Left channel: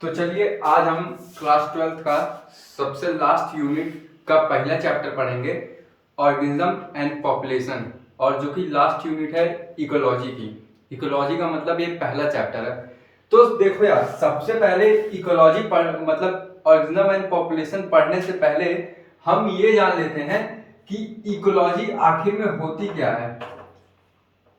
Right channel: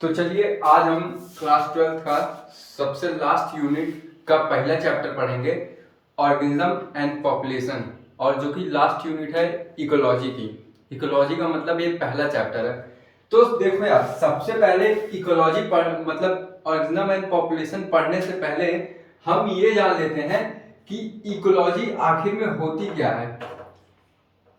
तो चलिए आज हम क्लास 12th का सबसे लास्ट यूनिट का पहला चैप्टर पढ़ेंगे, ऑर्गेनिज्म एंड पॉपुलेशन। और जो कि लास्ट यूनिट है इकोलॉजी की। इकोलॉजी का मतलब ये पहला चैप्टर है। तो देखो यार, सबसे पहले इकोलॉजी मतलब ऑर्गेनिज्म एंड पॉपुलेशन पढ़ने से पहले हम ये जान लेते हैं कि इकोलॉजी आखिर में होती क्या है।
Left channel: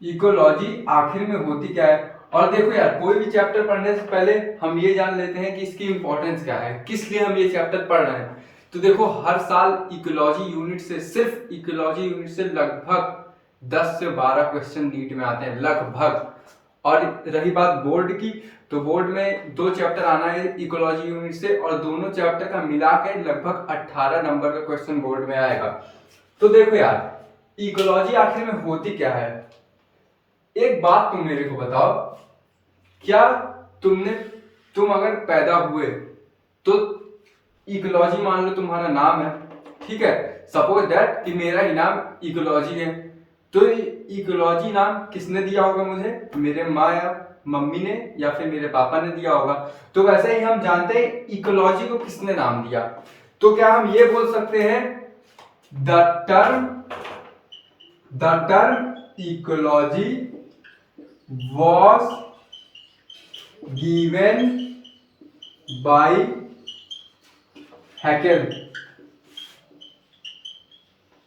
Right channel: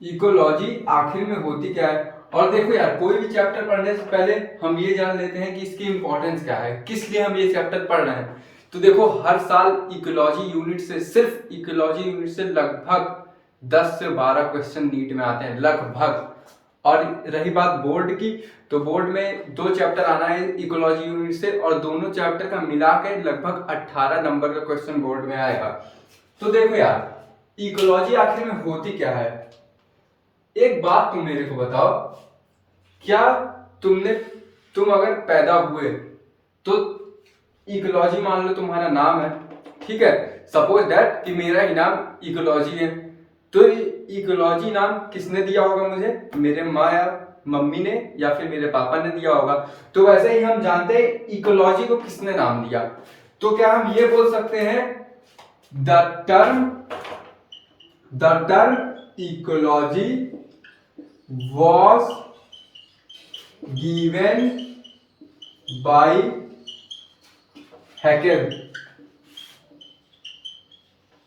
इकोलॉजी आखिर में होती क्या है। और देखो यार, कोई भी चैप्टर पढ़ने से पहले हम ये जान लेते हैं कि इसकी इंपॉर्टेंस क्या है, किस लिए हम ये चैप्टर पढ़ रहे हैं। तो देखो, हर साल इकोलॉजी यूनिट से, सिर्फ इकोलॉजी यूनिट से लगभग 10 से 12 क्वेश्चन नीट में आते हैं लगभग। और रही बात बोर्ड की, तो बोर्ड में 2 चैप्टर आना है इकोलॉजी यूनिट से, और दोनों चैप्टर का मिला के लगभग 18 नंबर का क्वेश्चन बोर्ड में आएगा। तो देखो यार, इकोलॉजी आखिर में होती क्या है। एक बात तुम मेरे को बताओ, क्या तुम अगर पैदा हुए तो इकोलॉजी मान लो तुम्हारा नाम है, ठीक है। सपोज दैट कि मेरा ही नाम इकोलॉजी है। तो इकोलॉजी नाम किसने दिया होगा मुझे? मेरे माँ या मम्मी ने या फिर मेरे पापा ने दिया होगा। तो वैसे ही हम जानते हैं इकोलॉजी को किसने नाम दिया। तो क्या हम ये बोल सकते हैं, the term ecology was given by Haeckel.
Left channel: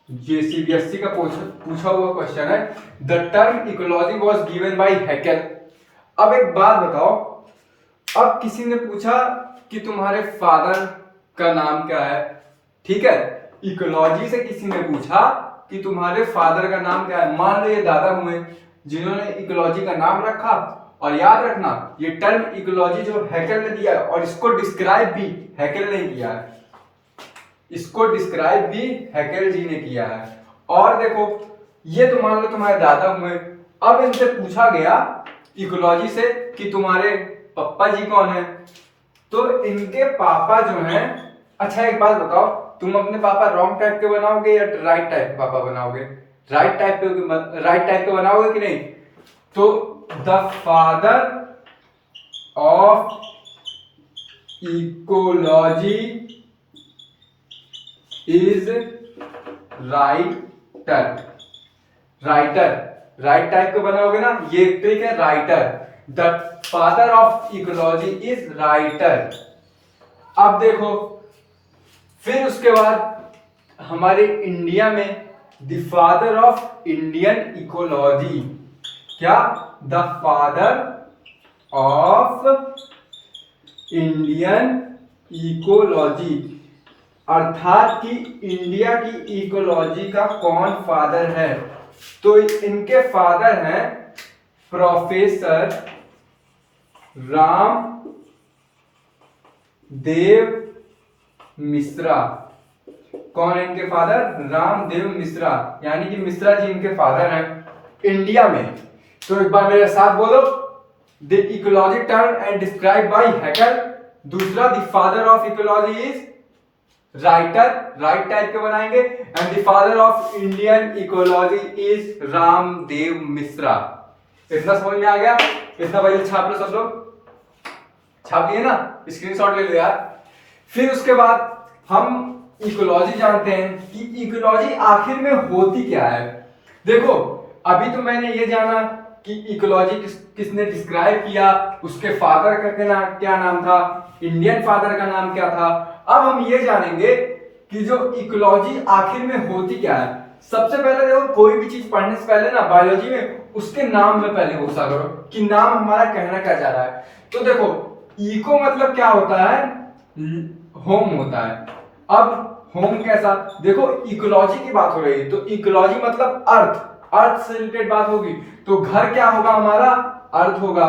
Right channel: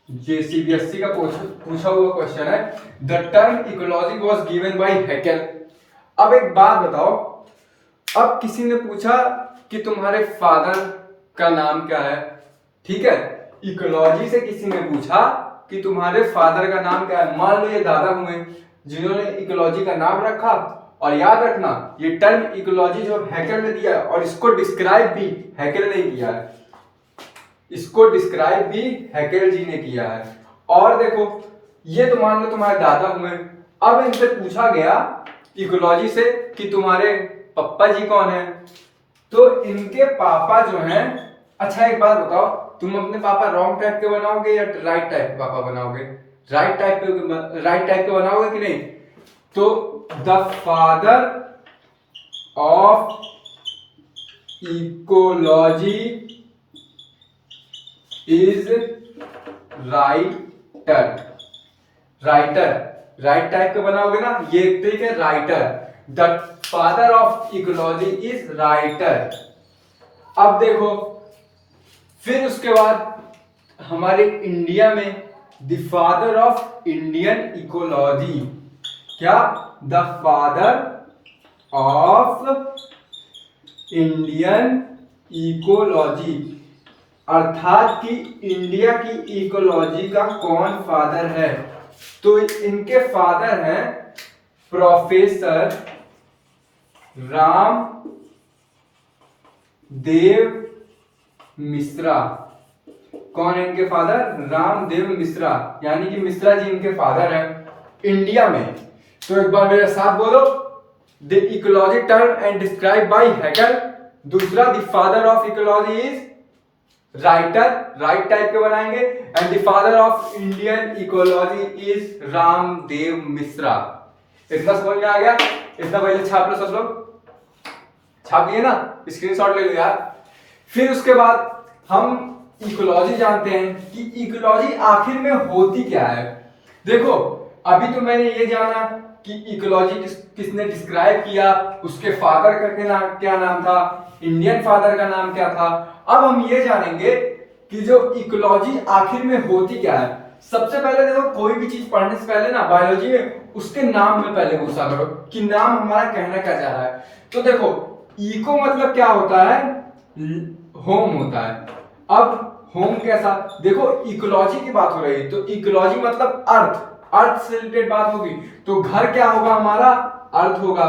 JCBSC का पूछा हुआ क्वेश्चन है, the term ecology was given by Haeckel. अब एक बात बताओ, अब किसी ने पूछा कि तुम्हारे फादर का नाम क्या है, ठीक है। इकोलॉजी से किसी ने पूछा कि तुम्हारे फादर का नाम क्या है। मान लो ये दादा हुए जिन्होंने इकोलॉजी का नाम रखा। और याद रखना, ये टर्म इकोलॉजी जो हैकेल ने दिया है, और इसको डिस्क्राइब भी हैकेल ने किया है, इसको डिस्क्राइब भी हैकेल जी ने किया है। और देखो, ये तो मान लो तुम्हारे दादा हुए। अब इनसे पूछा गया इकोलॉजी से कि तुम्हारे पापा जी कौन है। तो इनके पापा जो हैं, अच्छा एक बात बताओ, तुम अपने पापा रॉन्ग टाइप के बनाओगे या राइट टाइप के पापा बनाओगे? राइट टाइप के बनाओगे कि नहीं? तो the father of ecology is writer. Right type के बनाओगे ना, ये ठीक है, writer. The father of ecology is writer. अब देखो, फिर उसके बाद हमारे इंडिया में the father of Indian ecology, क्या? The father of Indian ecology, अर्थात कि इंडिया की इकोलॉजी का कौन फादर है? तो इनके फादर हैं प्रोफेसर राम देव मिश्रा। कौन है इनके फादर? रामदेव मिश्रा, यानी कि मिश्रा जी इनके फादर हैं इंडिया में। तो एक बार मेरे साथ बोलो, the ecology term and describe by Haeckel. दूसरा, the father of ecology is writer, right type के बनाएंगे। And the father of Indian ecology is Ramdev Mishra. इतना समझ में आ गया? इतना पहले छाप लो, सब लोग छाप लिए ना, स्क्रीनशॉट ले लो यार। फिर उसके बाद हम इकोलॉजी जानते हैं कि इकोलॉजी आखिर में होती क्या है। देखो, अभी तो मैंने ये जाना कि इकोलॉजी किसने डिस्क्राइब किया, उसके फादर का क्या नाम था, इंडियन फादर का नाम क्या था। अब हम ये जानेंगे कि जो इकोलॉजी आखिर में होती क्या है। सबसे पहले देखो, कोई भी चीज पढ़ने से पहले ना बायोलॉजी में उसके नाम में पहले घुसा करो कि नाम हमारा कहना क्या जा रहा है। तो देखो, इको मतलब क्या होता है? होम होता है। अब होम कैसा? देखो, इकोलॉजी की बात हो रही है, तो इकोलॉजी मतलब अर्थ से रिलेटेड बात होगी। तो घर क्या होगा हमारा? अर्थ होगा।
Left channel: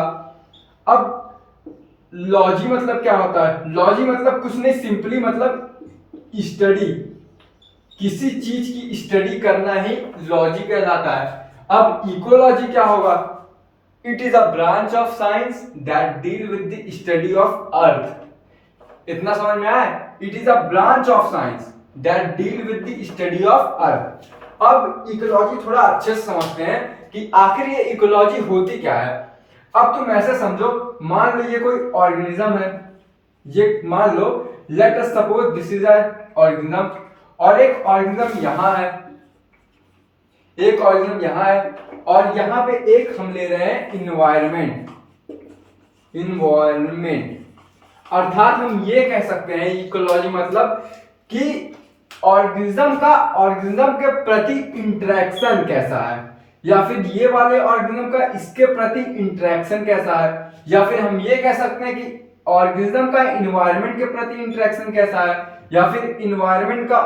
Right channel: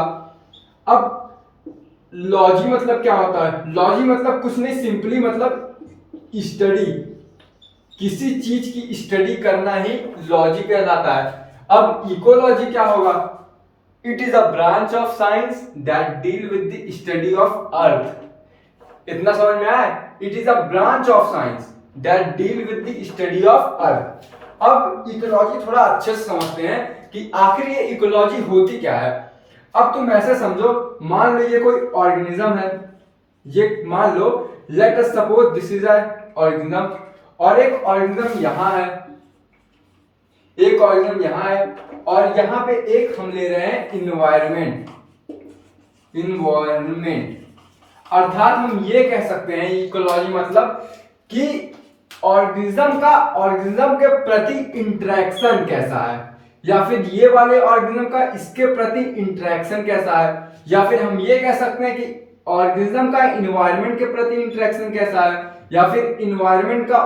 अब लॉजी मतलब क्या होता है? लॉजी मतलब कुछ नहीं, सिंपली मतलब स्टडी, किसी चीज की स्टडी करना ही लॉजी कहलाता है। अब इकोलॉजी क्या होगा? It is a branch of science that deal with the study of earth. इतना समझ में आया? It is a branch of science that deal with the study of earth. अब इकोलॉजी थोड़ा अच्छे से समझते हैं कि आखिर ये इकोलॉजी होती क्या है। अब तुम ऐसे समझो, मान लो ये कोई ऑर्गेनिज्म है, ये मान लो, let us suppose this is a organism, और एक ऑर्गेनिज्म यहाँ है, एक ऑर्गेनिज्म यहाँ है, और यहाँ पे एक हम ले रहे हैं इन्वायरमेंट। अर्थात हम ये कह सकते हैं इकोलॉजी मतलब कि ऑर्गेनिज्म के प्रति इंटरेक्शन कैसा है, या फिर ये वाले ऑर्गेनिज्म का इसके प्रति इंटरेक्शन कैसा है, या फिर हम ये कह सकते हैं कि ऑर्गेनिज्म का इन्वायरमेंट के प्रति इंटरेक्शन कैसा है, या फिर इन्वायरमेंट का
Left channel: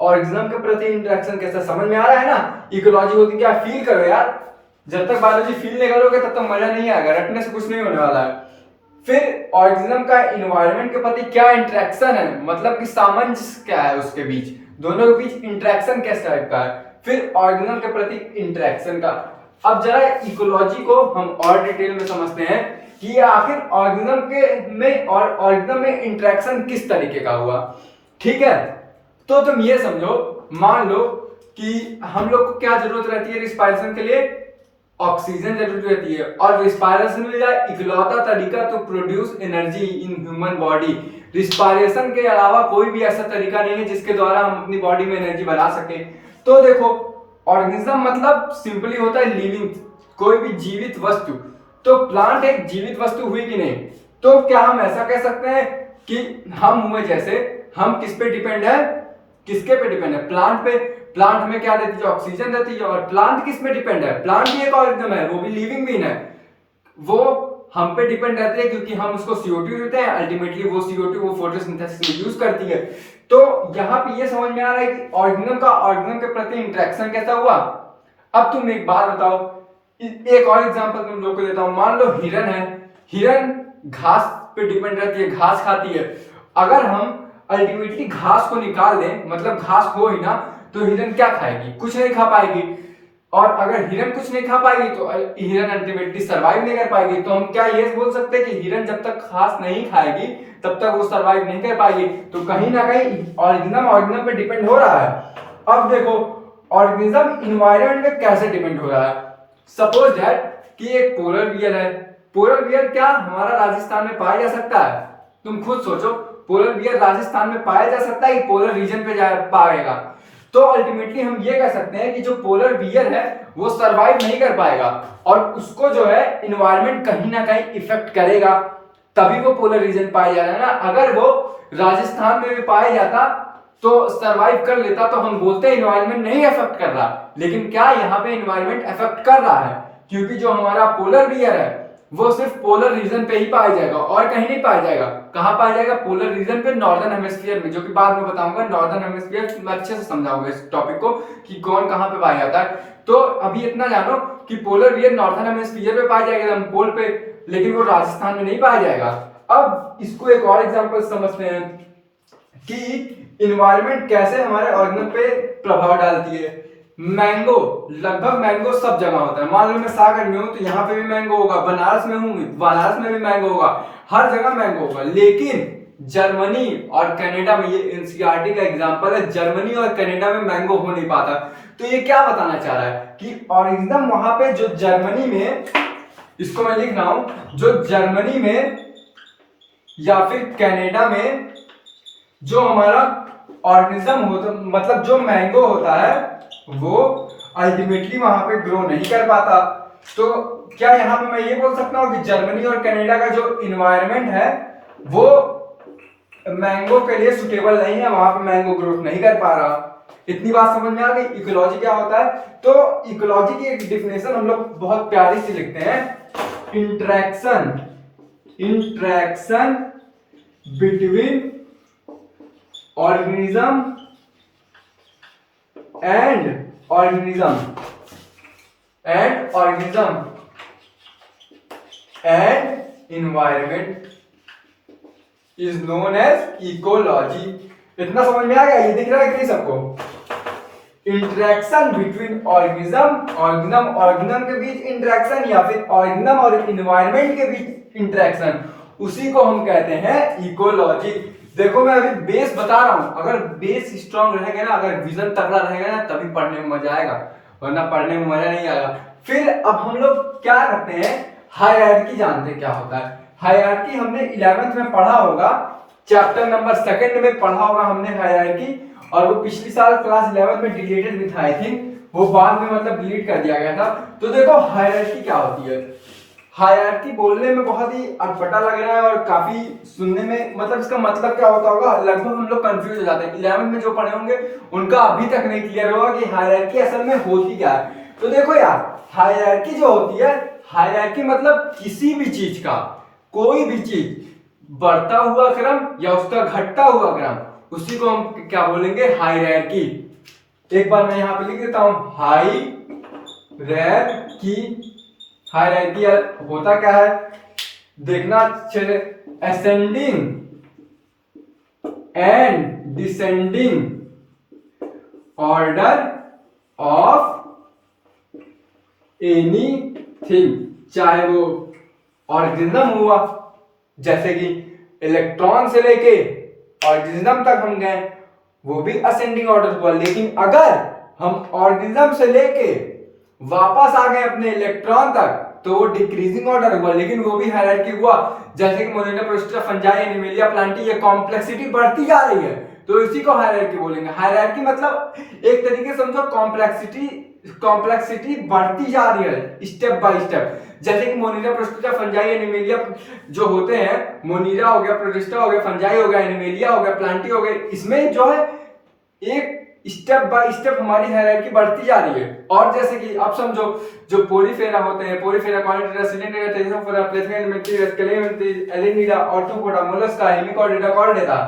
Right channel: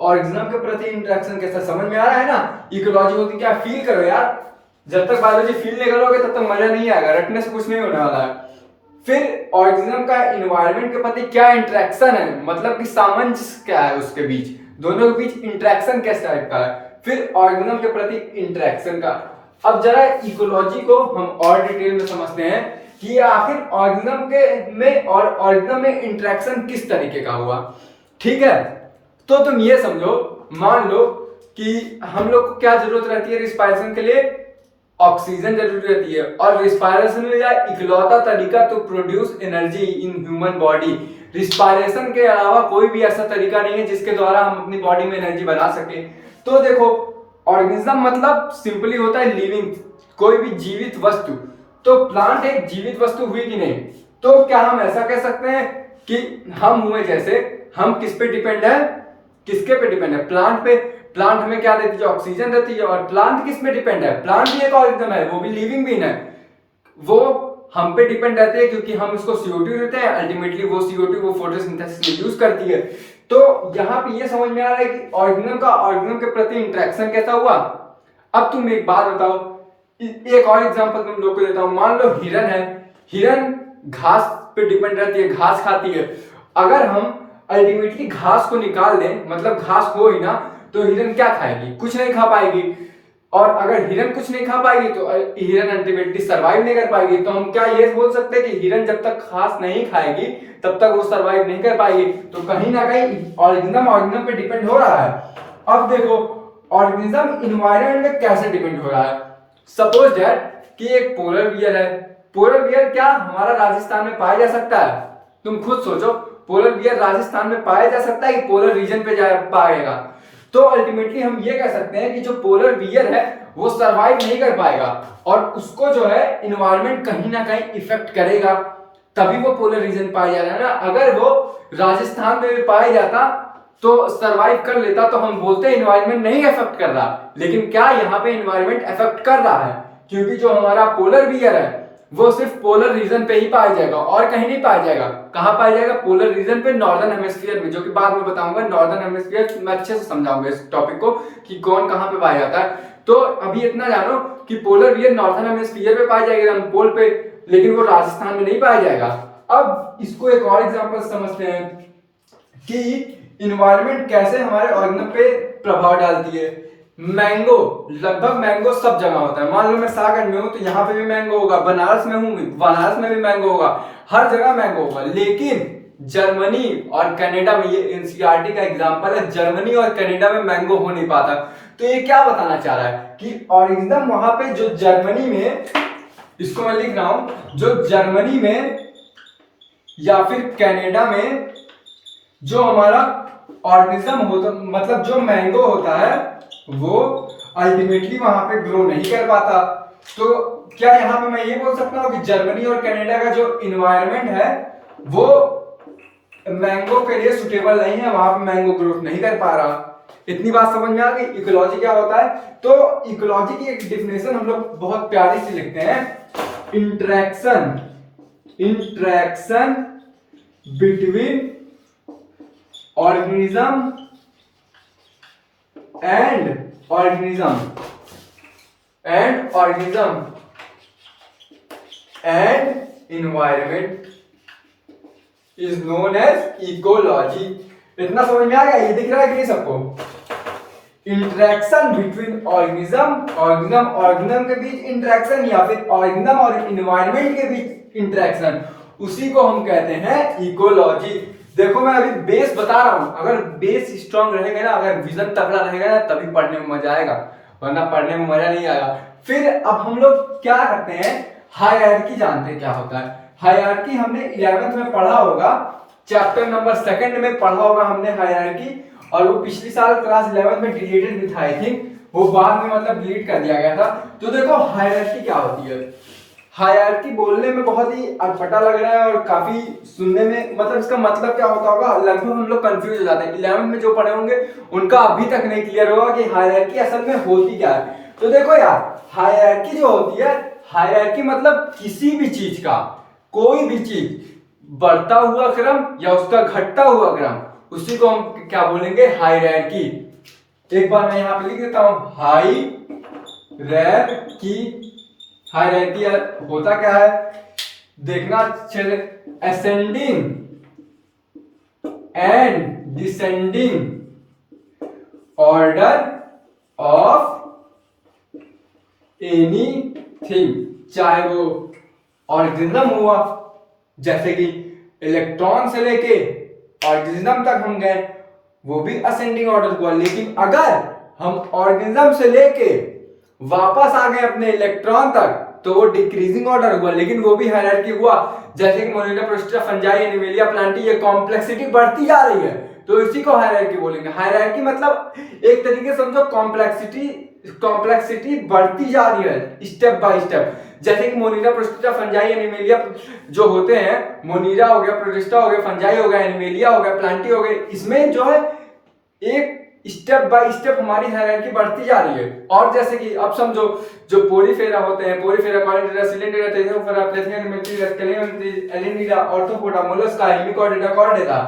ऑर्गेनिज्म के प्रति इंटरेक्शन कैसा। समझ में आ रहा है ना इकोलॉजी होती क्या। फील करो यार, जब तक बायोलॉजी फील नहीं करोगे तब तक मजा नहीं आएगा, रटने से कुछ नहीं होने वाला है। फिर ऑर्गेनिज्म का इन्वायरमेंट के प्रति क्या इंटरेक्शन है, मतलब कि सामंजस्य क्या है उसके बीच, दोनों के बीच इंटरेक्शन कैसा लगता है। फिर ऑर्गेनिज्म के प्रति इंटरेक्शन का। अब जरा इकोलॉजी को हम और डिटेल में समझते हैं कि आखिर ऑर्गेनिज्म के में और ऑर्गेनिज्म में इंटरेक्शन किस तरीके का हुआ। ठीक है, तो तुम ये समझो, मान लो कि हम लोग को क्या जरूरत रहती है रिस्पायरेशन के लिए, ऑक्सीजन जरूरत रहती है, और रिस्पायरेशन में इकलौता तरीका to produce energy in human body. Respiration के अलावा कोई भी ऐसा तरीका नहीं है जिसके द्वारा हम अपनी बॉडी में एनर्जी बना सके। तो देखो, ऑर्गेनिज्म मतलब सिंपली होता है लिविंग, कोई भी जीवित वस्तु। तो प्लांट एक जीवित वस्तु हुई कि नहीं, तो क्या हम ऐसा कह सकते हैं कि हम हुए, जैसे हम किस पे डिपेंड है, किसके पे डिपेंड है, प्लांट पे। प्लांट में क्या देती है, ऑक्सीजन देती है, और प्लांट किस में डिपेंड है, प्लांट भी एक ऑर्गेनिज्म है, वो भी लिविंग बीइंग है, वो हम पे डिपेंड रहते हैं क्योंकि हम उसको CO2 देते हैं, अल्टीमेटली वो CO2 वो फोटोसिंथेसिस में यूज करती है। तो यहाँ पे ये समझ में आ रहा है कि ऑर्गेनिज्म का ऑर्गेनिज्म के प्रति इंटरेक्शन कैसा हुआ। अब तुम एक बात बताओ, एक और एग्जांपल तुम लोग को देता हूं। मान लो हिरन है, हिरन घास पे डिपेंड रहती है, घास खाती है। अगर हम अल्टीमेटली घास को निकाल दें, मतलब घास हो ही ना, तो हिरन क्या खाएगी, कुछ नहीं खा पाएगी। और अगर हिरन कुछ नहीं खा पाएगी तो हिरन अल्टीमेटली सरवाइव नहीं कर पाएगी। तो हम क्या ये बोल सकते हैं कि हिरन जब तक घास नहीं खाएगी तब तक वो सरवाइव नहीं कर पाएगी। तो कहीं ना कहीं ऑर्गेनिज्म पे डिपेंड हो रहा है। अब देखो, ऑर्गेनिज्म इन्वायरमेंट में कैसे डिपेंड हो रहा है। सपोज दैट कि एक पोलर बियर है, पोलर बियर क्या हमारा राजस्थान में पाया जा सकता है, तुम खुद सोचो, पोलर बियर राजस्थान में पाया जा सकता है कि पोलर रीजन पे जा पाएगा। तो अल्टीमेटली हम ये कह सकते हैं कि जो पोलर बियर है वो सरवाइव नहीं कर पाएगा, और उसको जो है इन्वायरमेंट कहीं ना कहीं इफेक्ट करेगा, तभी वो पोलर रीजन पाया जा रहा है ना। अगर वो राजस्थान में भी पाया जाता तो सरवाइव कर लेता, तो हम बोलते हैं इन्वायरमेंट नहीं इफेक्ट कर रहा। लेकिन क्या यहाँ पे इन्वायरमेंट इफेक्ट कर रहा है, क्योंकि जो हमारा पोलर बियर है वो सिर्फ पोलर रीजन पे ही पाया जाएगा और कहीं नहीं पाया जाएगा। कहां पाया जाएगा, पोलर रीजन पे, नॉर्दर्न हेमिस्फीयर में, जो कि बाद में बताऊंगा। नॉर्दर्न हेमिस्फीयर में अच्छे से समझाऊंगा इस टॉपिक को कि कौन कहां पे पाया जाता है। तो अभी इतना जानो कि पोलर बियर नॉर्दर्न हेमिस्फीयर पे पाया जाएगा, हम पोल पे, लेकिन वो राजस्थान में नहीं पाया जाएगा। अब इसको एक और एग्जाम्पल समझते हैं कि इन्वायरमेंट कैसे हमारे ऑर्गेनिज्म पे प्रभाव डालती है। मैंगो, लगभग मैंगो सब जगह होता है। मान लो मैं सागर में हूं तो यहाँ पे भी मैंगो होगा, बनारस में हूं बनारस में भी मैंगो होगा, हर जगह मैंगो होगा। लेकिन जर्मनी और कनाडा में, ये एनसीईआरटी का एग्जांपल है, जर्मनी और कनाडा में मैंगो हो नहीं पाता। तो ये क्या बताना चाह रहा है कि ऑर्गेनिज्म वहां पे जो जर्मनी में, इसको मैं लिख रहा हूं, जो जर्मनी में या फिर कनाडा में जो हमारा ऑर्गेनिज्म होता, मतलब जो मैंगो होता है, वो अल्टीमेटली वहां पे ग्रो नहीं कर पाता। तो क्या यहाँ पे मैं ये बोल सकता हूँ कि जर्मनी और कनाडा का जो इन्वायरमेंट है वो मैंगो के लिए सुटेबल नहीं है, वहां पे मैंगो ग्रोथ नहीं कर पा रहा। इतनी बात समझ में आ गई इकोलॉजी क्या होता है। तो इकोलॉजी की एक डिफिनेशन हम लोग बहुत प्यारी सी लिखते हैं, interaction between organism and organism and environment is known as ecology। इतना समझ में आ गया, ये दिख रहा है कि नहीं सबको। इंटरेक्शन बिटवीन ऑर्गेनिज्म के बीच इंटरेक्शन, या फिर ऑर्गेनिज्म और इन्वायरमेंट के बीच इंटरेक्शन, उसी को हम कहते हैं इकोलॉजी। देखो मैं अभी बेस बता रहा हूं, अगर बेस स्ट्रांग रहेगा ना, अगर विजन तगड़ा रहेगा ना, तभी पढ़ने में मजा आएगा, वरना पढ़ने में मजा नहीं आएगा। फिर अब हम लोग क्या करते हैं, हायरार्की जानते हैं क्या होता है। हायरार्की हमने 11th में पढ़ा होगा चैप्टर नंबर 2 में पढ़ा होगा हमने हायरार्की, और वो पिछली साल क्लास 11 में डिलीटेड भी था आई थिंक, वो बाद में मतलब डिलीट कर दिया गया था। तो देखो हायरार्की क्या होती है। हायरार्की बोलने में बहुत ही अटपटा लग रहा है और काफी सुनने में मतलब इसका मतलब क्या होता होगा लगभग हम लोग कंफ्यूज हो जाते हैं। 11 में जो पढ़े होंगे उनका अभी तक नहीं क्लियर होगा कि हायरार्की असल में होती क्या है। तो देखो यार, हायरार्की जो होती है, हायरार्की मतलब किसी भी चीज का, कोई भी चीज बढ़ता हुआ क्रम या उसका घटता हुआ क्रम, उसी को हम क्या बोलेंगे, हायरार्की। एक बार मैं यहां पे लिख देता हूं, हायरार्की। हायरार्की होता क्या है, देखना अच्छे से, ascending and descending order of anything, चाहे वो ऑर्गेनिज्म हुआ, जैसे कि इलेक्ट्रॉन से लेके ऑर्गेनिज्म तक हम गए, वो भी असेंडिंग ऑर्डर हुआ। लेकिन अगर हम ऑर्गेनिज्म से लेके वापस आ गए अपने इलेक्ट्रॉन तक तो वो डिक्रीजिंग ऑर्डर हुआ, लेकिन वो भी हायरार्की हुआ। जैसे कि मोनिना, प्रोस्टा, फंजाई, एनिमेलिया, प्लांटी, ये कॉम्प्लेक्सिटी बढ़ती जा रही है तो इसी को हायरार्की बोलेंगे। हायरार्की मतलब एक तरीके से समझो कॉम्प्लेक्सिटी, कॉम्प्लेक्सिटी बढ़ती जा रही है स्टेप बाय स्टेप। जैसे कि मोनिरा, प्रोस्टा, फंजाई, एनिमेलिया जो होते हैं, मोनिरा हो गया, प्रोटिस्टा हो गया, फंजाई हो गया, एनिमेलिया हो गया, प्लांटी हो गया, इसमें जो है एक स्टेप बाय स्टेप हमारी हायरार्की बढ़ती जा रही है। और जैसे कि अब समझो जो पोरीफेरा होते हैं, पोरीफेरा, कॉर्निडेटा, सिलेंडेरा, टेरिडोफोरा, प्लेथेरियम, मेट्रियस, कैलेमंथी, एलिनीडा, ऑर्थोपोडा, मोलस्का, हेमिकॉर्डेटा, कॉर्डेटा,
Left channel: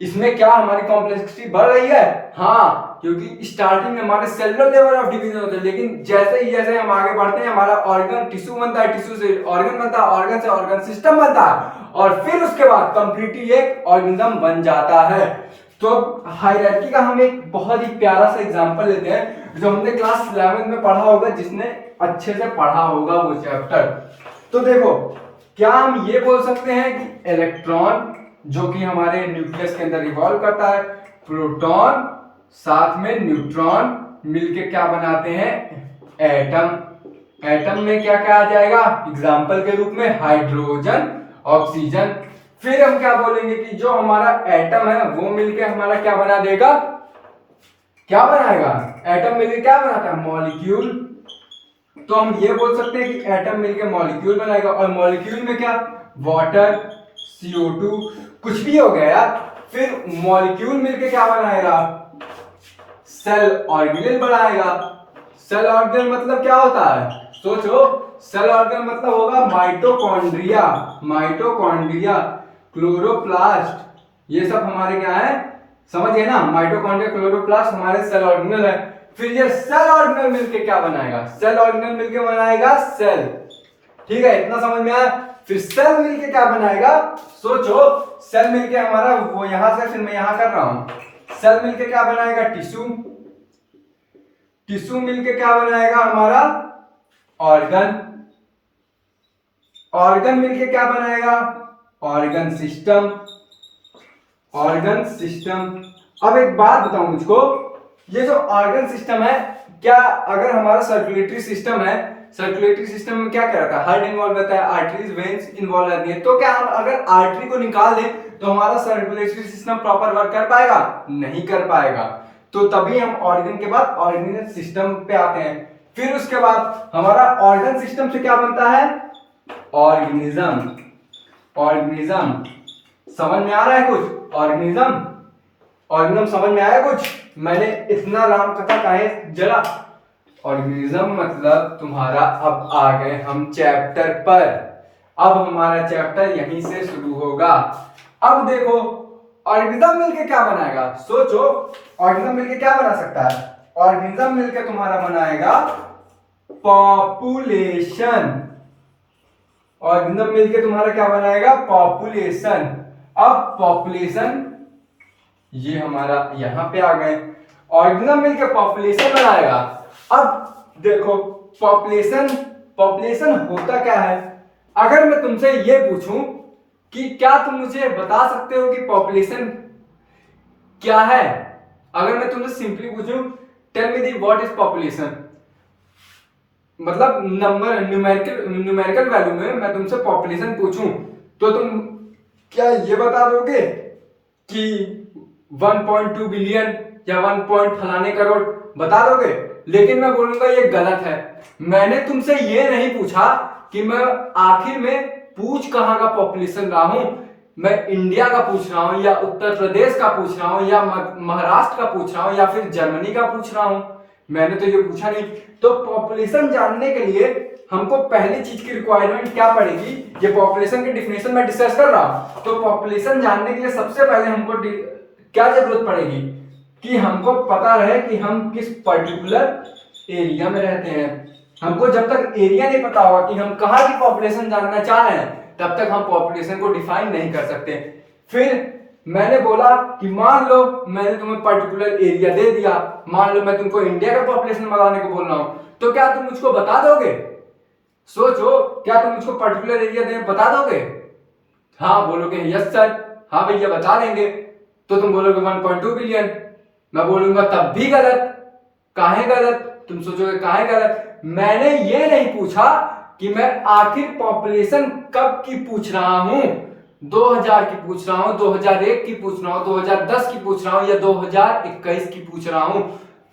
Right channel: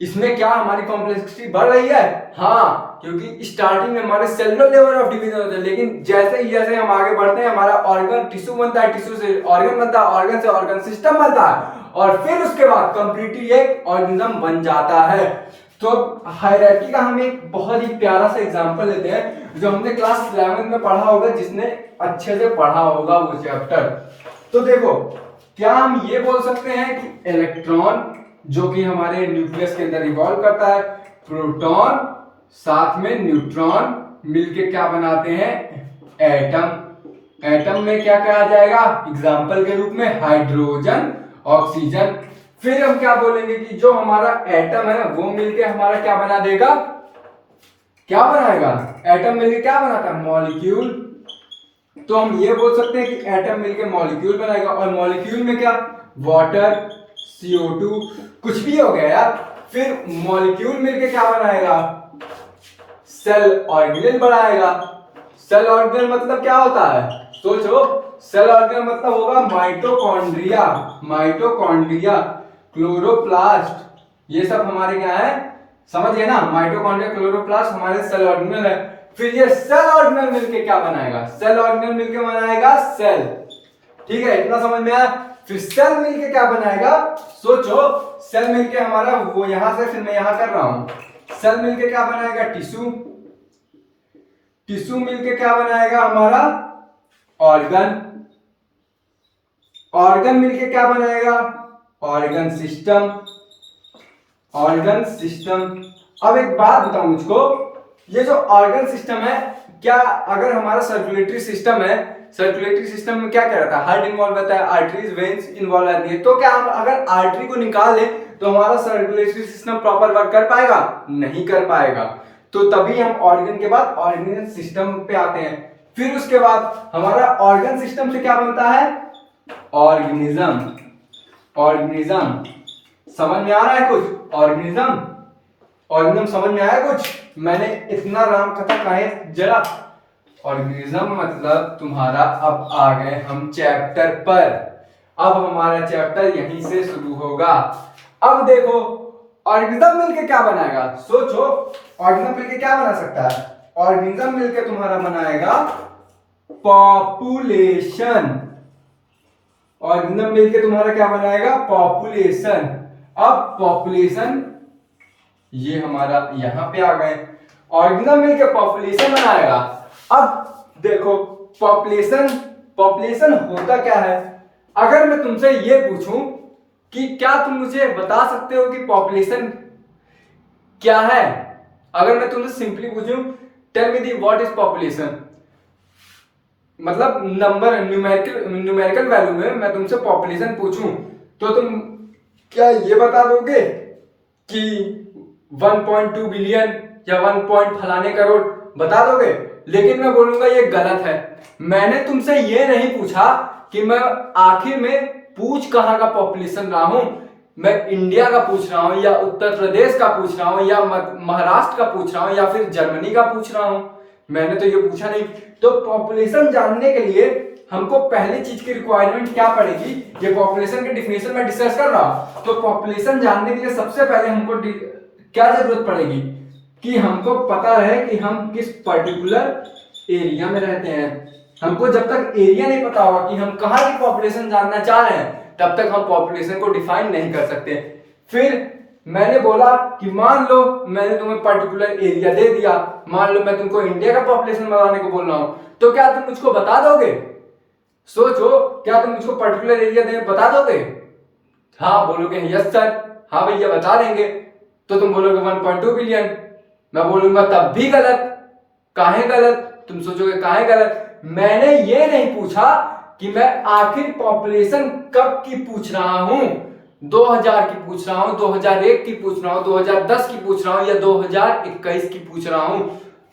इसमें क्या हमारी कॉम्प्लेक्सिटी बढ़ रही है? हाँ, क्योंकि स्टार्टिंग में हमारे सेलुलर लेवल ऑफ डिवीजन होते हैं, लेकिन जैसे ही जैसे हम आगे बढ़ते हैं हमारा ऑर्गन टिश्यू बनता है, टिश्यू से ऑर्गन बनता है, ऑर्गन से ऑर्गन सिस्टम बनता है, और फिर उसके बाद कंप्लीटली एक ऑर्गेनिज्म बन जाता है। तो हायरार्की का हम एक बहुत ही प्यारा सा एग्जांपल लेते हैं जो हमने क्लास 11 में पढ़ा होगा, जिसने अच्छे से पढ़ा होगा वो चैप्टर। तो देखो, क्या हम ये बोल सकते हैं कि इलेक्ट्रॉन जो कि हमारे न्यूक्लियस के अंदर रिवॉल्व करता है, प्रोटॉन साथ में न्यूट्रॉन मिलके क्या बनाते हैं? एटम। एटम में क्या कहा जाएगा एग्जाम्पल के रूप में? Hydrogen, oxygen. फिर हम क्या बोलेंगे कि जो हमारा एटम है वो मिलके हमारा क्या बना देगा? क्या बनाएगा? एटम मिलके क्या बनाता है? मॉलिक्यूल। तो हम ये बोल सकते हैं कि एटम मिलके मॉलिक्यूल बनाएगा, और मॉलिक्यूल में क्या? वाटर, CO2, कुछ भी हो गया यार। फिर मॉलिक्यूल मिलके क्या बनाएगा? सेल ऑर्गेनेल बनाएगा। सेल ऑर्गेनेल मतलब क्या होता है? सोचो, सेल ऑर्गेनेल मतलब होगा माइटोकॉन्ड्रिया, माइटोकॉन्ड्रिया, क्लोरोप्लास्ट, ये सब हमारे क्या है? समझ गए ना? माइटोकॉन्ड्रिया, क्लोरोप्लास्ट हमारे सेल ऑर्गेनेल है। फिर ये सेल ऑर्गेनेल मिलके क्या बनाएगा? सेल ऑर्गेनेल मिलके बनाएगा सेल। ठीक है, इतना समझ में आया? फिर सेल मिलके क्या बनाएगा? सोचो, सेल मिलके हमारा वो यहां से, फिर मैं यहां कर रहा हूं, सेल मिलके क्या बनाएगा? टिश्यू। टिश्यू मिलके क्या बनाएगा हमारा? ऑर्गन। ऑर्गन मिलके क्या बनाएगा? Organ system. Organ system. अब एक बात बताओ मुझको, ये जो ऑर्गन सिस्टम है, क्या अगर हमारा सर्कुलेटरी सिस्टम है, सर्कुलेटरी सिस्टम में क्या क्या रहता है? हार्ट इन्वॉल्व रहता है, आर्टरीज, वेन्स इन्वॉल्व रहती है। तो क्या हम अगर आर्टरी को निकाल दें तो हमारा सर्कुलेटरी सिस्टम प्रॉपर वर्क कर पाएगा? नहीं कर पाएगा। तो तभी हम ऑर्गन के बाद ऑर्गेनिक सिस्टम पे आते हैं। फिर उसके बाद हमारा ऑर्गन सिस्टम से क्या बनता है? ऑर्गेनिज्म। ऑर्गेनिज्म समझ में आ रहा है कुछ? ऑर्गेनिज्म, ऑर्गेनिज्म समझ में आया कुछ? मैंने इतना राम कथा काहे जरा? ऑर्गेनिज्म मतलब तुम्हारा, अब आ गए हम चैप्टर पर। अब हमारा चैप्टर यहीं से शुरू होगा। अब देखो, ऑर्गेनिज्म मिलके क्या बनाएगा? सोचो, ऑर्गेनिज्म मिलके क्या बना सकता है? ऑर्गेनिज्म मिलके तुम्हारा बनाएगा पॉपुलेशन। ऑर्गेनिज्म मिलके तुम्हारा क्या बनाएगा? पॉपुलेशन। अब पॉपुलेशन ये हमारा यहां पे आ गए, ऑर्गेनिज्म मिलके पॉपुलेशन बनाएगा। अब देखो, पॉपुलेशन, पॉपुलेशन होता क्या है? अगर मैं तुमसे ये पूछूं कि क्या तुम मुझे बता सकते हो कि पॉपुलेशन क्या है? अगर मैं तुमसे सिंपली पूछूं, tell me the what is population, मतलब नंबर, न्यूमेरिकल वैल्यू में मैं तुमसे पॉपुलेशन पूछूं तो तुम क्या ये बता दोगे कि 1.2 बिलियन या 1 पॉइंट फलाने करोड़, बता दोगे? लेकिन मैं बोलूंगा ये गलत है। मैंने तुमसे ये नहीं पूछा कि मैं आखिर में पूछ कहाँ का पॉपुलेशन रहा हूं, मैं इंडिया का पूछ रहा हूं या उत्तर प्रदेश का पूछ रहा हूं या महाराष्ट्र का पूछ रहा हूं या फिर जर्मनी का पूछ रहा हूं। मैंने तो ये पूछा नहीं। तो पॉपुलेशन जानने के लिए हमको पहली चीज की रिक्वायरमेंट क्या पड़ेगी? ये पॉपुलेशन की डिफिनेशन में डिस्कस कर रहा हूं। तो पॉपुलेशन जानने के लिए सबसे पहले हमको क्या जरूरत पड़ेगी कि हमको पता रहे कि हम किस पर्टिकुलर एरिया में रहते हैं। हमको जब तक एरिया नहीं पता होगा कि हम कहाँ की पॉपुलेशन जानना चाह रहे हैं, तब तक हम पॉपुलेशन को डिफाइन नहीं कर सकते। फिर मैंने बोला कि मान लो मैंने तुम्हें पर्टिकुलर एरिया दे दिया, मान लो मैं तुमको इंडिया का पॉपुलेशन बताने को बोल रहा हूं, तो क्या तुम मुझको बता दोगे? सोचो, क्या तुम मुझको पर्टिकुलर एरिया दे बता दोगे? हाँ बोलोगे यस सर, हाँ भैया बता देंगे। तो तुम बोलोगे 1.2 बिलियन, मैं बोलूंगा तब भी गलत। काहे गलत? तुम सोचोगे काहे गलत? मैंने ये नहीं पूछा कि मैं आखिर पॉपुलेशन कब की पूछ रहा हूं, 2000 की पूछ रहा हूं, 2001 की पूछ रहा हूं, 2010 की पूछ रहा हूं या 2021 की पूछ रहा हूं।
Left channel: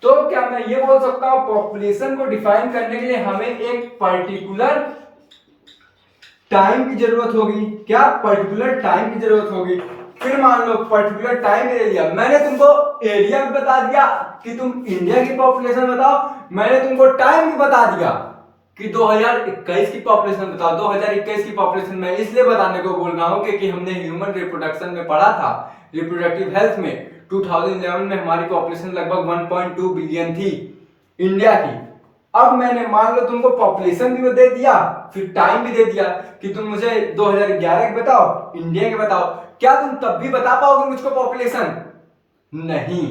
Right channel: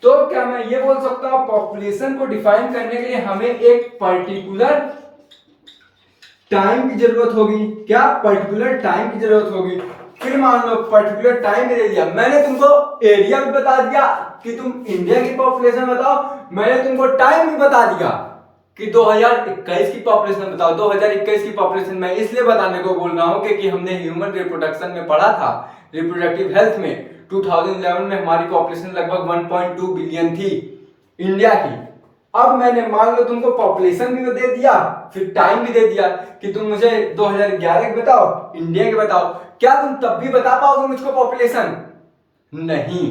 तो क्या मैं ये बोल सकता हूं पॉपुलेशन को डिफाइन करने के लिए हमें एक पर्टिकुलर टाइम की जरूरत होगी? क्या पर्टिकुलर टाइम की जरूरत होगी? फिर मान लो पर्टिकुलर टाइम दे दिया, मैंने तुमको एरिया भी बता दिया कि तुम इंडिया की पॉपुलेशन बताओ, मैंने तुमको टाइम भी बता दिया कि 2021 की पॉपुलेशन बताओ। 2021 की पॉपुलेशन मैं इसलिए बताने को बोल रहा हूं क्योंकि हमने ह्यूमन रिप्रोडक्शन में पढ़ा था, रिप्रोडक्टिव हेल्थ में 2011 में हमारी पॉपुलेशन लगभग 1.2 बिलियन थी इंडिया की। अब मैंने मान लो तुमको पॉपुलेशन भी दे दिया, फिर टाइम भी दे दिया कि तुम मुझे 2011 के बताओ, इंडिया के बताओ। क्या तुम तब भी बता पाओगे मुझको पॉपुलेशन? नहीं।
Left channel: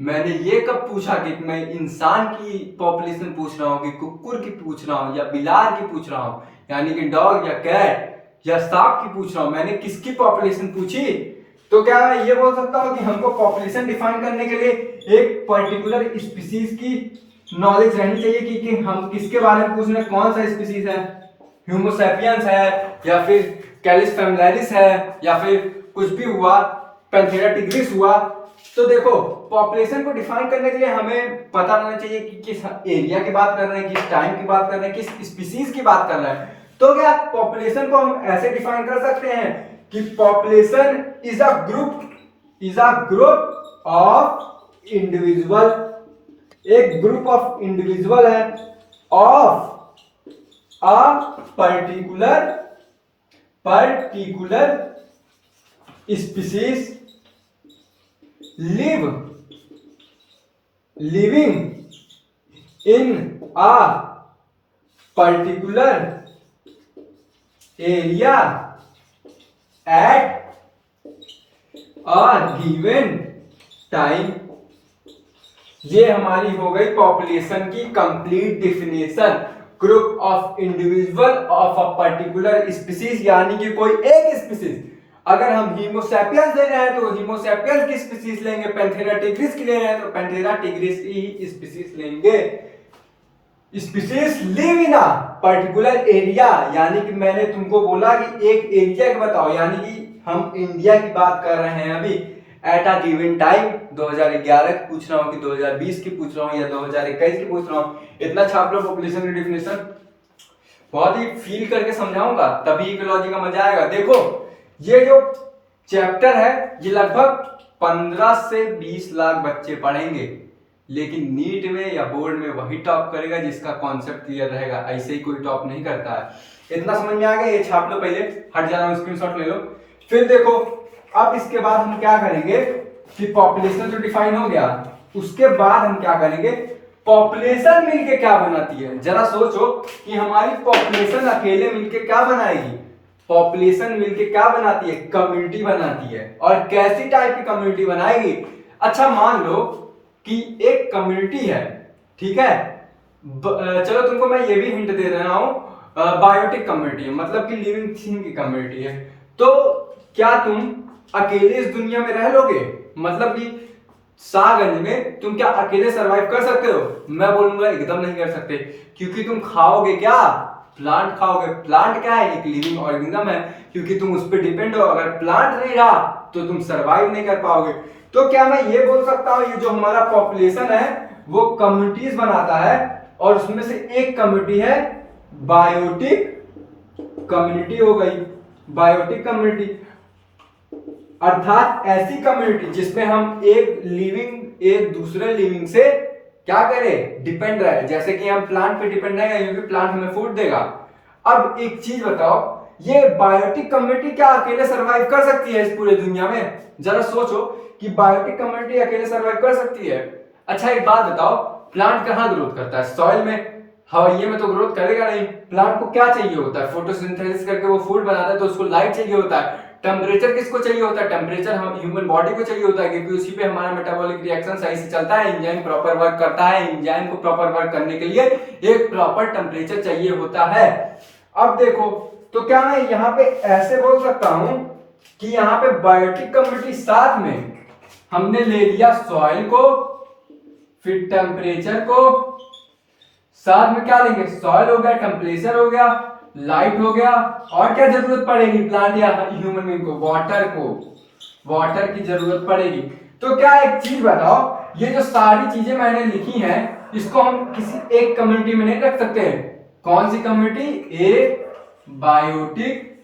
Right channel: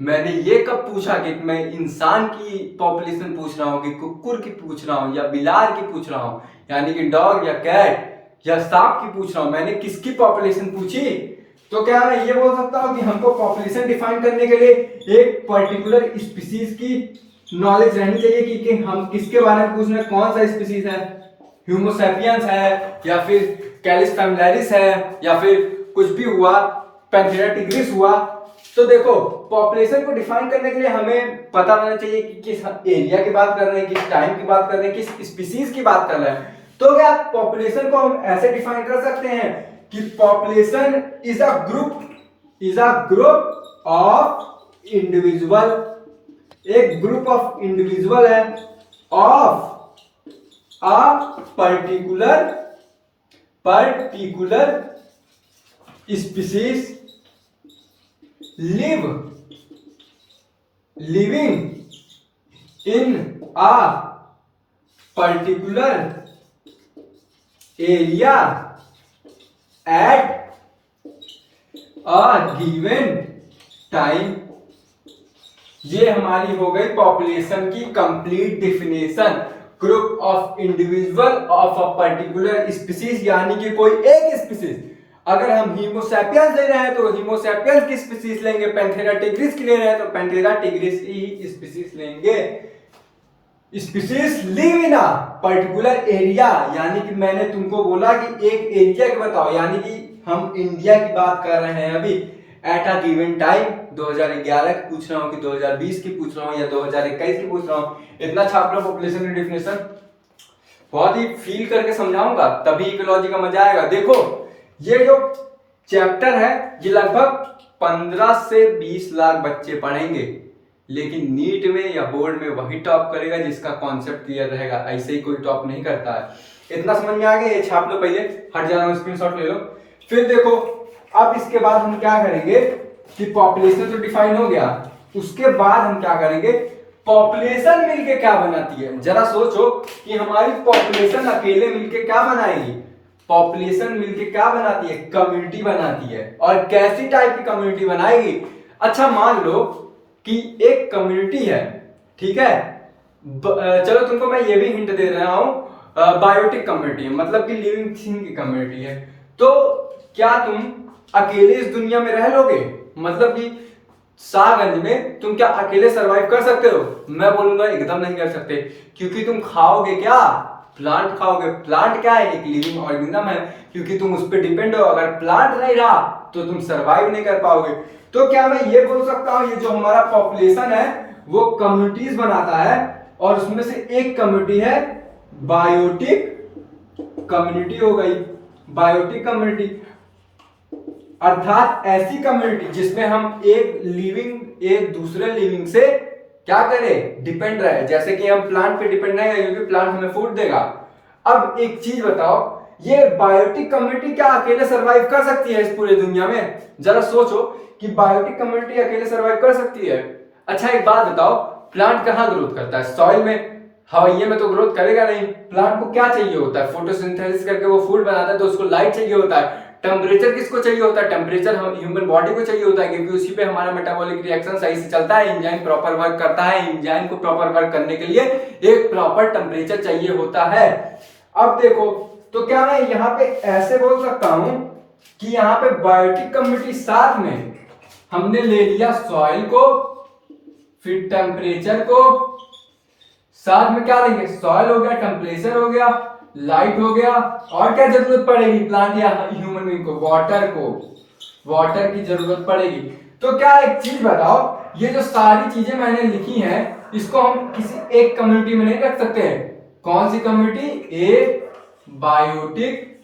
मैंने ये कब पूछा कि मैं इंसान की पॉपुलेशन पूछ रहा हूं कि कुकुर की पूछ रहा हूं या बिलार की पूछ रहा हूं, यानी कि डॉग या कैट या सांप की पूछ रहा हूं, मैंने किसकी पॉपुलेशन पूछी? तो क्या मैं ये बोल सकता हूं कि हमको पॉपुलेशन डिफाइन करने के लिए एक पर्टिकुलर स्पीसीज की नॉलेज रहनी चाहिए कि हम किसके बारे में पूछ रहे हैं, कौन सा स्पीसीज है, ह्यूमो सैपियंस है या फिर कैलिस फैमिलियारिस है या फिर कुछ भी हुआ, पैंथेरा टिग्रिस हुआ। तो देखो पॉपुलेशन को डिफाइन करने के लिए हमें पता होना चाहिए कि किस एरिया की बात कर रहे हैं, किस टाइम की बात कर रहे हैं, किस स्पीसीज की बात कर रहे हैं। तो क्या पॉपुलेशन को हम ऐसे डिफाइन कर सकते हैं कि population is a group of individual, एक ग्रुप ऑफ इंडिविजुअल है of a particular species living in a particular area at a given time। ये हमारी हो गई पॉपुलेशन की complete definition. Group of individual of a particular species, यानी कि कोई एक स्पीसीज। अगर हम हीमोसैपियंस ले रहे हैं तो हीमोसैपियंस की स्पीसीज लेंगे, पैंथेरा टिग्रिस की ले रहे हैं तो पैंथेरा टिग्रिस की स्पीसीज लेंगे। Species live in a particular area, यानी कि मैंने तुमको बोला कि एक एरिया के बताओ, यानी कि हम इंडिया की बात कर रहे हैं अभी। एट अ गिवन टाइम 2011 की पूछ रहा हूँ कि 2020 की पूछ रहा हूँ या 2021 की पूछ रहा हूँ, इतना छाप लो पॉपुलेशन की डिफिनेशन। बहुत ही फील करके समझाऊंगा तभी इकोलॉजी का मजा आएगा। देखो ये जो चैप्टर है ये लगभग 15 से 20 लाख बच्चे पढ़ेंगे, लेकिन नीट में या बोर्ड में वही टॉप करेगा जिसका कॉन्सेप्ट क्लियर रहेगा, ऐसे ही कोई टॉप नहीं करता है। इतना समझ में आ गया? ये छाप लो, पहले हट जाना, स्क्रीनशॉट ले लो। फिर देखो अब इसके बाद हम क्या करेंगे कि पॉपुलेशन तो डिफाइन हो गया, उसके बाद हम क्या करेंगे, पॉपुलेशन मिलके क्या बनाती है। जरा सोचो कि हमारी पॉपुलेशन अकेले मिलके क्या बनाएगी। पॉपुलेशन मिलके क्या बनाती है? कम्युनिटी बनाती है। और कैसी टाइप की कम्युनिटी बनाएगी? अच्छा मान लो कि एक कम्युनिटी है, ठीक है, चलो तुमको मैं ये भी हिंट दे रहा हूं, बायोटिक कम्युनिटी है, मतलब कि लिविंग थिंग की कम्युनिटी है। तो क्या तुम अकेले इस दुनिया में रह लोगे? मतलब कि शाहगंज में तुम क्या अकेले सरवाइव कर सकते हो? मैं बोलूंगा एकदम नहीं कर सकते, क्योंकि तुम खाओगे क्या? प्लांट खाओगे। प्लांट क्या है? एक लिविंग ऑर्गेनिज्म है, क्योंकि तुम उस पर डिपेंड हो। अगर प्लांट नहीं रहा तो तुम सरवाइव नहीं कर पाओगे। तो क्या मैं ये बोल सकता हूँ, ये जो हमारा पॉपुलेशन है वो कम्युनिटीज बनाता है, और उसमें से एक कम्युनिटी है बायोटिक कम्युनिटी हो गई। बायोटिक कम्युनिटी अर्थात ऐसी कम्युनिटी जिसमें हम एक दूसरे लिविंग से क्या करें? डिपेंड रहे। जैसे कि हम प्लांट पे डिपेंड रहे, क्योंकि प्लांट हमें फूड देगा। अब एक चीज बताओ, ये बायोटिक कम्युनिटी क्या अकेले सरवाइव कर सकती है इस पूरे दुनिया में? जरा सोचो कि बायोटिक कम्युनिटी अकेले सरवाइव कर सकती है? अच्छा एक बात बताओ, प्लांट कहाँ ग्रोथ करता है? सॉइल में, हवाइये में तो ग्रोथ करेगा नहीं। प्लांट को क्या चाहिए होता है? फोटोसिंथेसिस करके वो फूड बनाता है, तो उसको लाइट चाहिए होता है। टेम्परेचर किसको चाहिए होता है? टेम्परेचर हम ह्यूमन बॉडी को चाहिए होता है, क्योंकि उसी पे हमारा मेटाबॉलिक रिएक्शन सही से चलता है, एंजाइम प्रॉपर वर्क करता है। एंजाइम को प्रॉपर वर्क करने के लिए एक प्रॉपर टेम्परेचर चाहिए होता है। अब देखो, तो क्या मैं यहाँ पे ऐसे बोल सकता हूं कि यहाँ पे बायोटिक कम्युनिटी साथ में हमने ले लिया सॉइल को, फिर टेम्परेचर को, साथ में क्या लेंगे? सॉइल हो गया, टेम्परेचर हो गया, लाइट हो गया, और क्या जरूरत पड़ेगी प्लांट या ह्यूमन बीइंग को? वाटर की जरूरत पड़ेगी। तो क्या एक चीज बताओ, ये जो सारी चीजें मैंने लिखी हैं, इसको हम किसी एक कम्युनिटी में नहीं रख सकते हैं। कौन सी कम्युनिटी? एक बायोटिक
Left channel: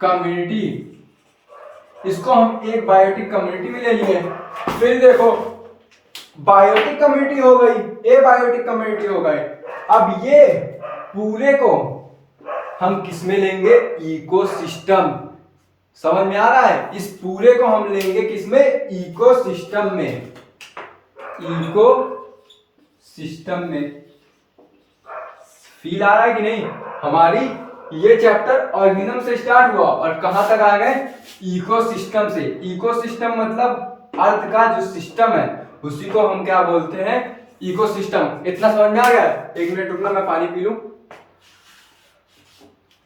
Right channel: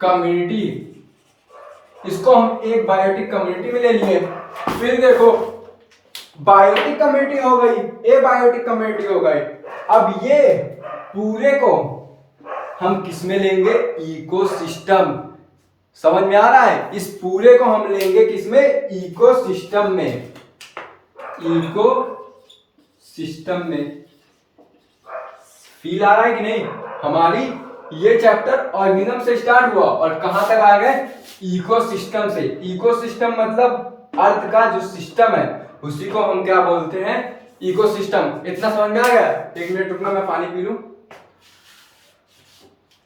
कम्युनिटी। इसको हम एक बायोटिक कम्युनिटी में ले लिए। फिर देखो, बायोटिक कम्युनिटी हो गई, ए बायोटिक कम्युनिटी हो गई। अब ये पूरे को हम किस में लेंगे? इकोसिस्टम। समझ में आ रहा है? इस पूरे को हम लेंगे किसमें? इकोसिस्टम में। इकोसिस्टम में फील आ रहा है कि नहीं? हमारी ये चैप्टर ऑर्गेनिज्म से स्टार्ट हुआ और कहां तक आ गए? इकोसिस्टम से। इकोसिस्टम मतलब अर्थ का जो सिस्टम है उसी को हम क्या बोलते हैं? इकोसिस्टम। इतना समझ में आ गया? एक मिनट रुकना, मैं पानी पी लूं,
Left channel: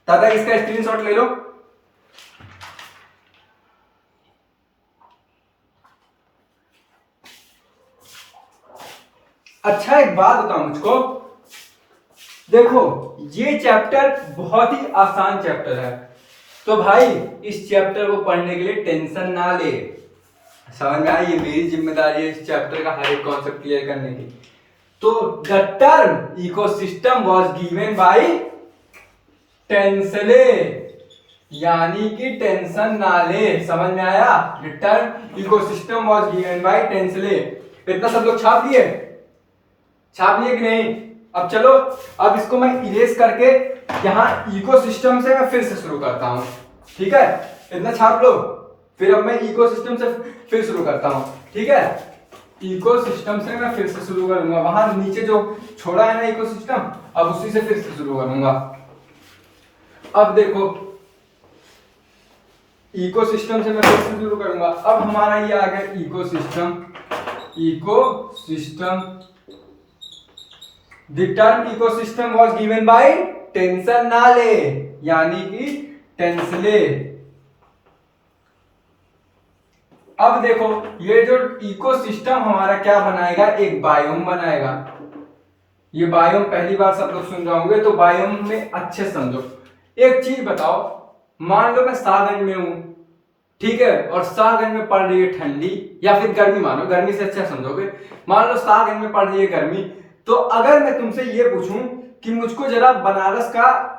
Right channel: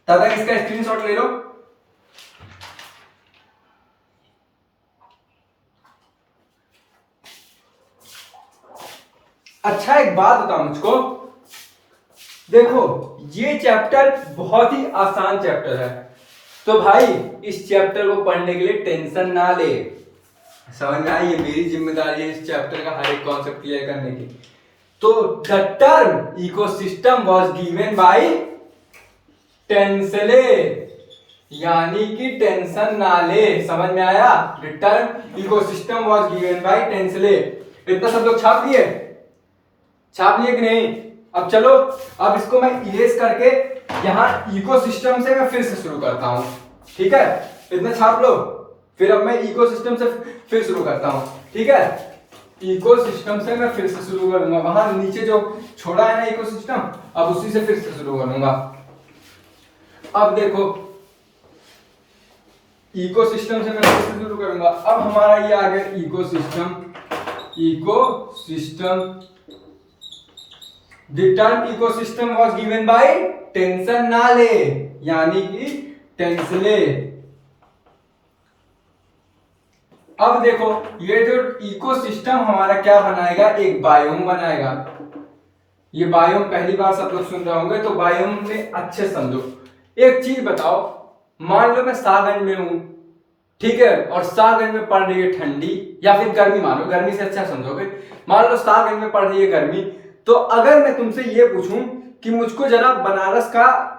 तब तक इसका स्क्रीनशॉट ले लो। अच्छा एक बात बताओ मुझको, देखो ये चैप्टर बहुत ही आसान चैप्टर है, तो भाई इस चैप्टर को पढ़ने के लिए टेंशन ना ले। समझ में आई? ये मेरी जिम्मेदारी है इस चैप्टर का हर एक कॉन्सेप्ट क्लियर करने की। तो the term ecosystem was given by Tansley, यानी कि टेंशन ना ले। समझ में आया? The term ecosystem was given by Tansley. इतना सब लोग छाप लिए कि नहीं? अब चलो, अब इसको मैं इरेज करके यहाँ इकोसिस्टम से मैं फिर से शुरू करता हूं। ठीक है, इतना छाप लो, फिर अब मैं इकोसिस्टम से फिर शुरू करता हूं। ठीक है, इकोसिस्टम से मैं फिर से शुरू करूंगा। वहां नीचे जो छोड़ा है ना इकोसिस्टम, अब उसी से फिर से शुरू करूंगा। अब देखो, इकोसिस्टम से मैं फिर से शुरू करूंगा। अब हमारा ये आ गया ecosystem. The term ecosystem was given by tension ना ले, यानी कि टेंसले। अब देखो, ये जो इकोसिस्टम हमारा क्या बनाएगा? एक बायोम बनाएगा। ये बायोम पहली बार सब लोग सुन रहे होंगे, तो बायोम में अच्छे समझो। एक चीज बताओ, मान लो मैं शाहगंज में हूं, ठीक है, और शाहगंज में पड़ रही है ठंडी या फिर गर्मी, मानो गर्मी से अच्छा समझोगे। मान लो शाहगंज में पड़ रही है गर्मी, तो अगर मैं तुमसे ये पूछूं कि मुझको जरा बनारस का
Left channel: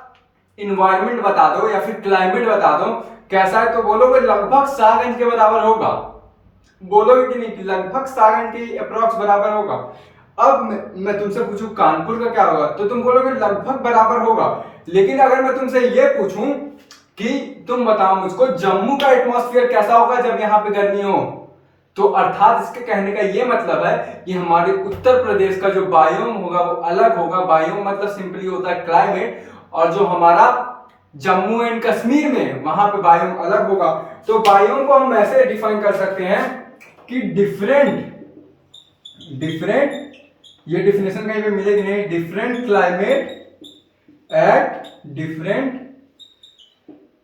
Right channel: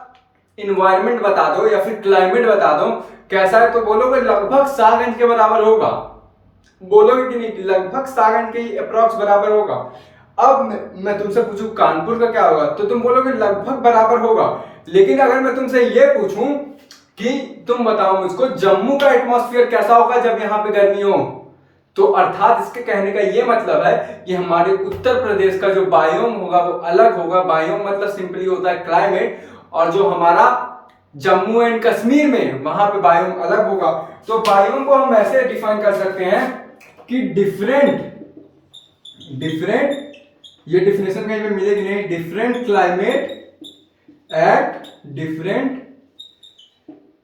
इन्वायरमेंट बता दो या फिर क्लाइमेट बता दो कैसा है, तो बोलोगे लगभग शाहगंज के बराबर होगा। बोलोगे कि नहीं? लगभग शाहगंज के अप्रॉक्स बराबर होगा। अब मैं तुमसे पूछूं कानपुर का क्या होगा, तो तुम बोलोगे लगभग बराबर होगा। लेकिन अगर मैं तुमसे ये पूछूं कि तुम बताओ मुझको जम्मू का एटमॉस्फेयर कैसा होगा जब यहाँ पे गर्मी हो, तो अर्थात इसके कहने का ये मतलब है कि हमारे उत्तर प्रदेश का जो बायोम होगा वो अलग होगा। बायोम मतलब सिंपली होता है क्लाइमेट, और जो हमारा जम्मू एंड कश्मीर में वहां पे बायोम अलग होगा। तो बायोम को हम ऐसे डिफाइन कर सकते हैं कि डिफरेंट, ये डिफिनेशन कहीं पे मिलेगी नहीं, different climate at different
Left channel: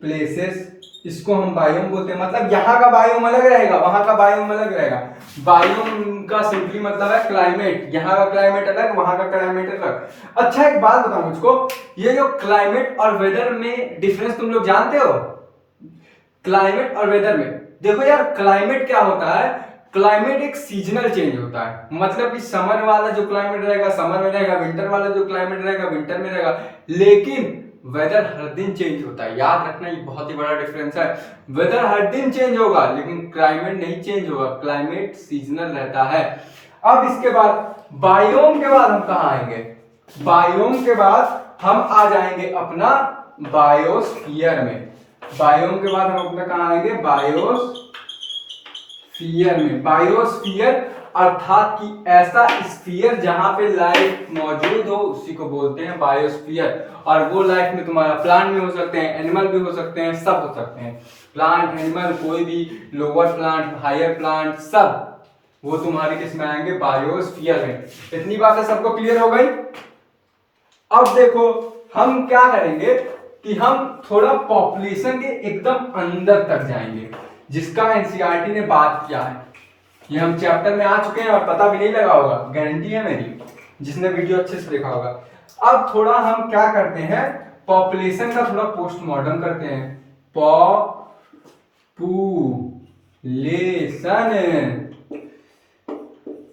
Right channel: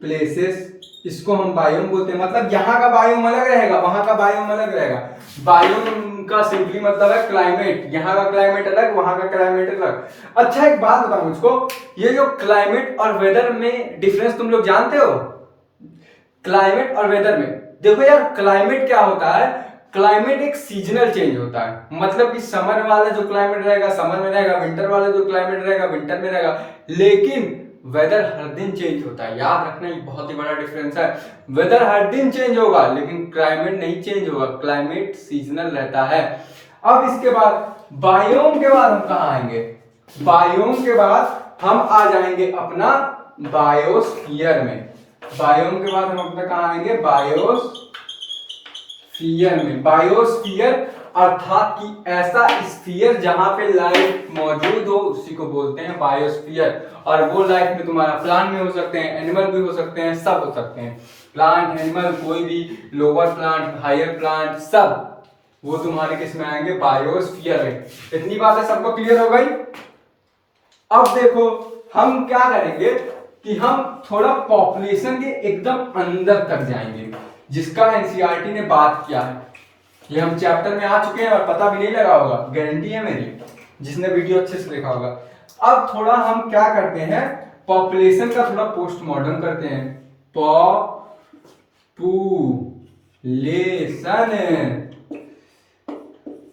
places. इसको हम बायोम बोलते हैं। मतलब यहाँ का बायोम अलग रहेगा, वहां का बायोम अलग रहेगा। बायोम का सिंपली मतलब है क्लाइमेट, यहाँ का क्लाइमेट अलग, वहां का क्लाइमेट अलग। अच्छा एक बात बताओ मुझको, ये जो क्लाइमेट और वेदर में डिफरेंस तुम लोग जानते हो? क्लाइमेट और वेदर में देखो यार, क्लाइमेट क्या होता है, क्लाइमेट एक सीजनल चेंज होता है। मतलब कि समर वाला जो क्लाइमेट रहेगा समर में रहेगा, विंटर वाला जो क्लाइमेट रहेगा विंटर में रहेगा। लेकिन वेदर हर दिन चेंज होता है, याद रखना ये बहुत ही बड़ा डिफरेंस है। वेदर हर दिन चेंज होगा लेकिन क्लाइमेट नहीं चेंज होगा, क्लाइमेट सीजनल रहता है। अब इसके बाद बायोम के बाद हम कहाँ आएंगे? बायोम के बाद हम आ जाएंगे अपना बायोस्फीयर में। बायोम के बाद हम अपना कहाँ आएंगे? बायोस्फीयर में। बायोस्फीयर अर्थात कि ऐसा स्फीयर जहां पे लाइफ मौजूद हो उसी को बोलते हैं बायोस्फीयर। और वो लाइफ में तुम्हारा प्लांट भी हो सकते हैं, एनिमल भी हो सकते हैं, सब हो सकते हैं। प्लांट एनिमल कोई भी, लोअर प्लांट हायर प्लांट सब, वो तुम्हारे किस में आएंगे? बायोस्फीयर में। इतनी बातें सबको क्लियर हो गई? अब देखो हम क्या करेंगे कि हम थोड़ा पॉपुलेशन के एकदम अंदर तक जाएंगे, जिसका एनसीईआरटी ने बात किया है। ये हम चैप्टर में आ चुके हैं और पता भी नहीं लगा होगा, गारंटी है मेरी, जिसने वीडियो अच्छे से देखा होगा। अब थोड़ा हम क्या करते हैं, पॉपुलेशन का थोड़ा पोस्टमार्टम करते हैं।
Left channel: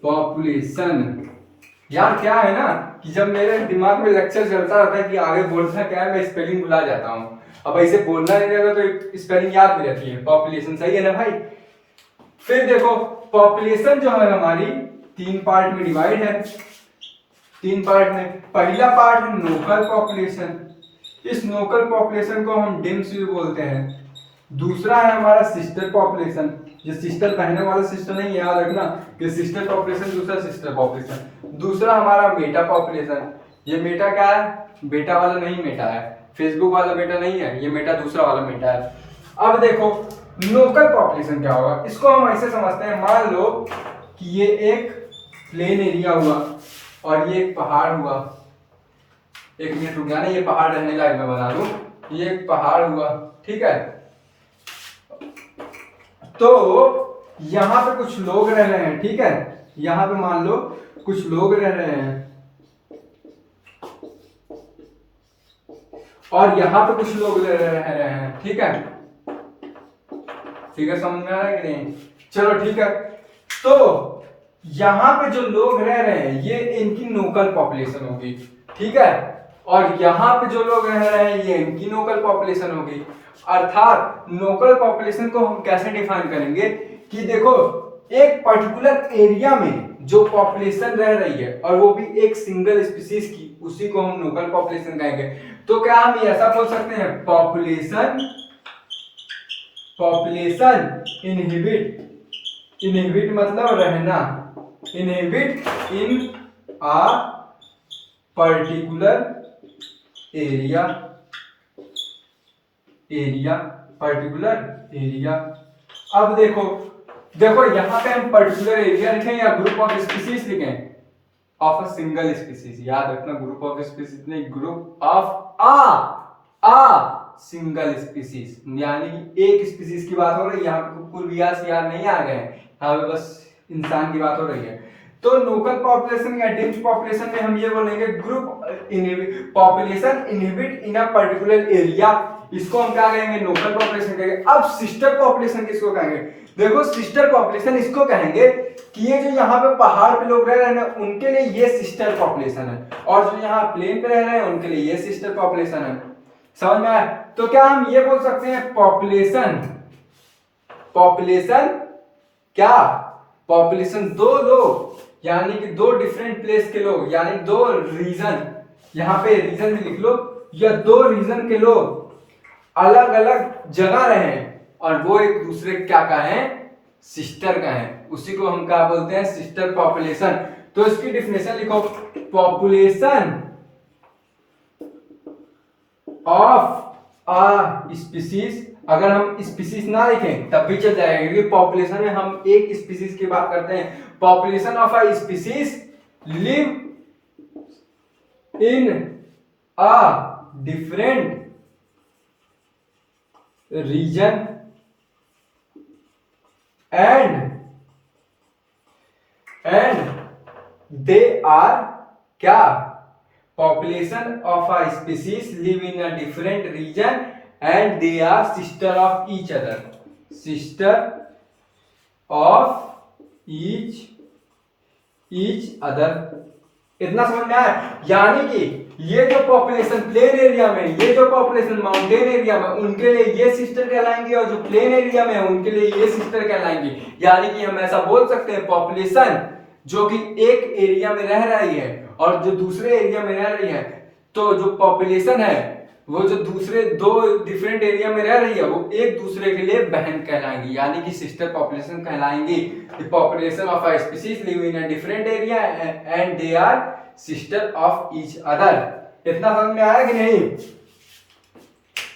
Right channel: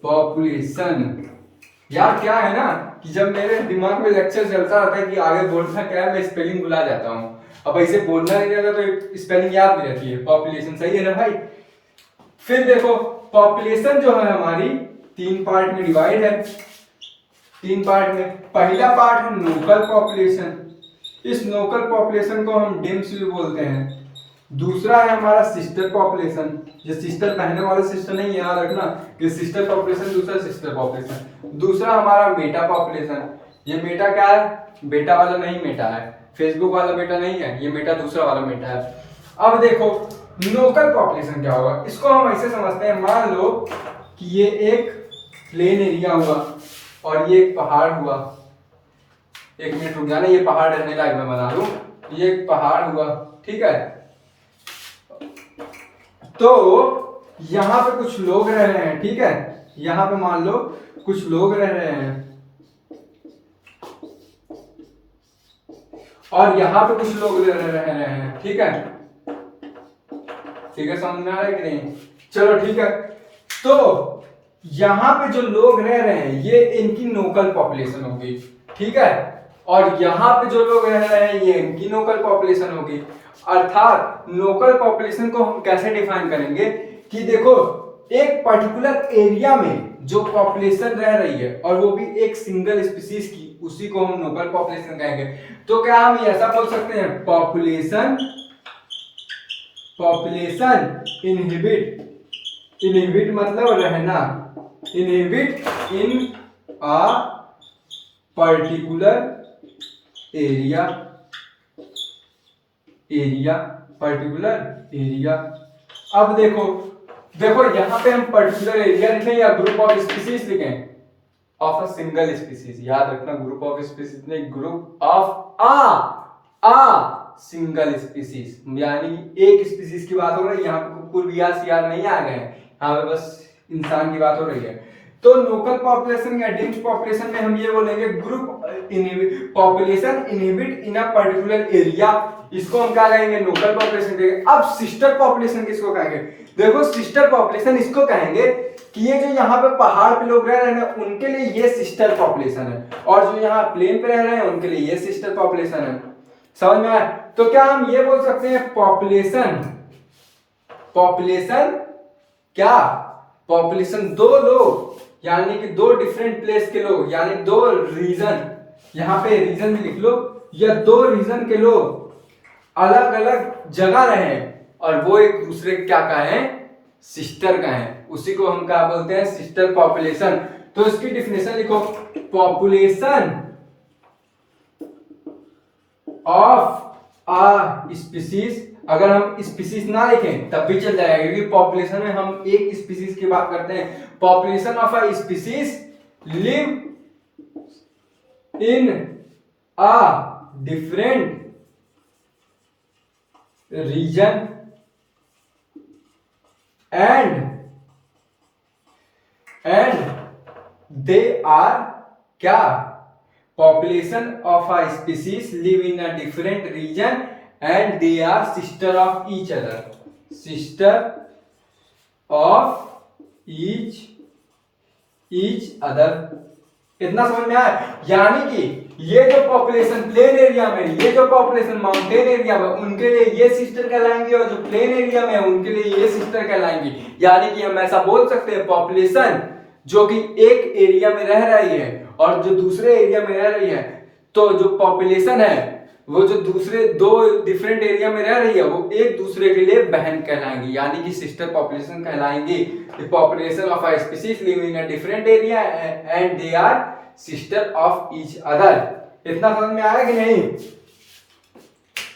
पॉपुलेशन यार क्या है ना कि जब मेरे दिमाग में लेक्चर चलता रहता है कि आगे बोलना क्या है, मैं स्पेलिंग भुला जाता हूँ। अब ऐसे बोलना नहीं रहता तो स्पेलिंग याद नहीं रहती है। पॉपुलेशन सही है ना भाई? फिर देखो पॉपुलेशन जो है हमारी 3 पार्ट में डिवाइड है। 3 पार्ट में पहला पार्ट है लोकल पॉपुलेशन, इस लोकल पॉपुलेशन को हम डिम्स भी बोलते हैं। दूसरा है हमारा सिस्टर पॉपुलेशन, ये सिस्टर पहने वाला सिस्टर नहीं है, याद रखना कि सिस्टर पॉपुलेशन दूसरा सिस्टर पॉपुलेशन। दूसरा हमारा मेटा पॉपुलेशन, ये मेटा क्या है? बेटा वाला नहीं मेटा है, फेसबुक वाला मेटा नहीं है, ये मेटा दूसरा वाला मेटा है। अब देखो लोकल पॉपुलेशन क्या होगा, इसको हम ऐसे समझते हैं, मान लो कि ये एक प्लेन एरिया हुआ और ये एक पहाड़ हुआ। एक मिनट रुक जाना, ये पहाड़ रहने लायक मैं बना दूं। ये एक पहाड़ हुआ, ठीक है। तो यहां पे कुछ लोग रह रहे हैं, ठीक है। यहां पे मान लो कुछ लोग रह रहे हैं और यहां पे कुछ लोग रह रहे हैं, ठीक है। ठीक है, समझ में आ रहा है कि नहीं? चलो ठीक है। तो यहां पे जो लोग रह रहे हैं ये इनकी लोकल पॉपुलेशन होगी, ठीक है। और यहां पे जो लोग रह रहे हैं ये इनकी लोकल पॉपुलेशन होगी। अर्थात लोकल पॉपुलेशन को हम कैसे डिफाइन करेंगे कि देखो एक पर्टिकुलर एरिया में जो पॉपुलेशन रह रही है और वो भी एक सिंगल स्पीसीज की, उसी को हम लोकल पॉपुलेशन कहेंगे। तो क्या हम ऐसा बोल सकते हैं, पॉपुलेशन इनहिबिट मतलब रहना, inhibit in a particular particular area. अब देखो यहां पे हम पर्टिकुलर एरिया लिखें या ग्रुप ऑफ स्पीसीज लिखें? ऑफ अ सिंगल स्पीसीज, याद रखना, ग्रुप ऑफ स्पीसीज नहीं, group of a single species. यानी कि एक स्पीसीज की बात हो रही है, यहाँ पे कुकुर बिया सियार नहीं आ गए हैं, यहाँ पे बस इंसान की बात हो रही है। तो लोकल पॉपुलेशन या डिम्स पॉपुलेशन में हम ये बोलेंगे group population inhibit in a particular area, इसको हम क्या कहेंगे, लोकल पॉपुलेशन कहेंगे। अब सिस्टर पॉपुलेशन किसको कहेंगे? देखो सिस्टर पॉपुलेशन इसको कहेंगे कि ये जो यहाँ पे पहाड़ पे लोग रह रहे हैं उनके लिए ये सिस्टर पॉपुलेशन है, और जो यहाँ प्लेन पे रह रहे हैं उनके लिए ये सिस्टर पॉपुलेशन है। समझ में आया? तो क्या हम ये बोल सकते हैं पॉपुलेशन क्या? पॉपुलेशन दो लोग, यानी कि दो डिफरेंट प्लेस के लोग, यानी दो रीजन, यहाँ पे रीजन भी लिख लो, या दो रीजन के लोग अलग अलग जगह रहे और वो एक दूसरे क्या का है, सिस्टर का है, उसी को हम क्या बोलते हैं, सिस्टर पॉपुलेशन। तो इसकी डिफिनेशन लिखो, पॉपुलेशन ऑफ आ स्पीसीज। अगर हम स्पीसीज ना लिखें तब भी चल जाएगा, क्योंकि पॉपुलेशन में हम एक स्पीसीज की बात करते हैं। Population of a species live in a different region and they are क्या, population of a species live in a different region and they are sister of each other, sister of each other. इतना समझ में आया? यानी कि ये जो population plain area में, ये जो पॉपुलेशन माउंटेन एरिया में, उनके लिए ये सिस्टर कहलाएंगे और जो प्लेन एरिया में है उनके लिए ये सिस्टर कहलाएंगी। यानी कि हम ऐसा बोल सकते हैं पॉपुलेशन जो कि एक एरिया में रह रही है और जो दूसरे एरिया में रह रही है, तो जो पॉपुलेशन है वो जो दूसरे दो डिफरेंट एरिया में रह रही है वो एक दूसरे के लिए बहन कहलाएंगी, यानी कि सिस्टर पॉपुलेशन कहलाएंगी। The population of a species live in a different area and they are sister of each other. इतना समझ में आया कि नहीं?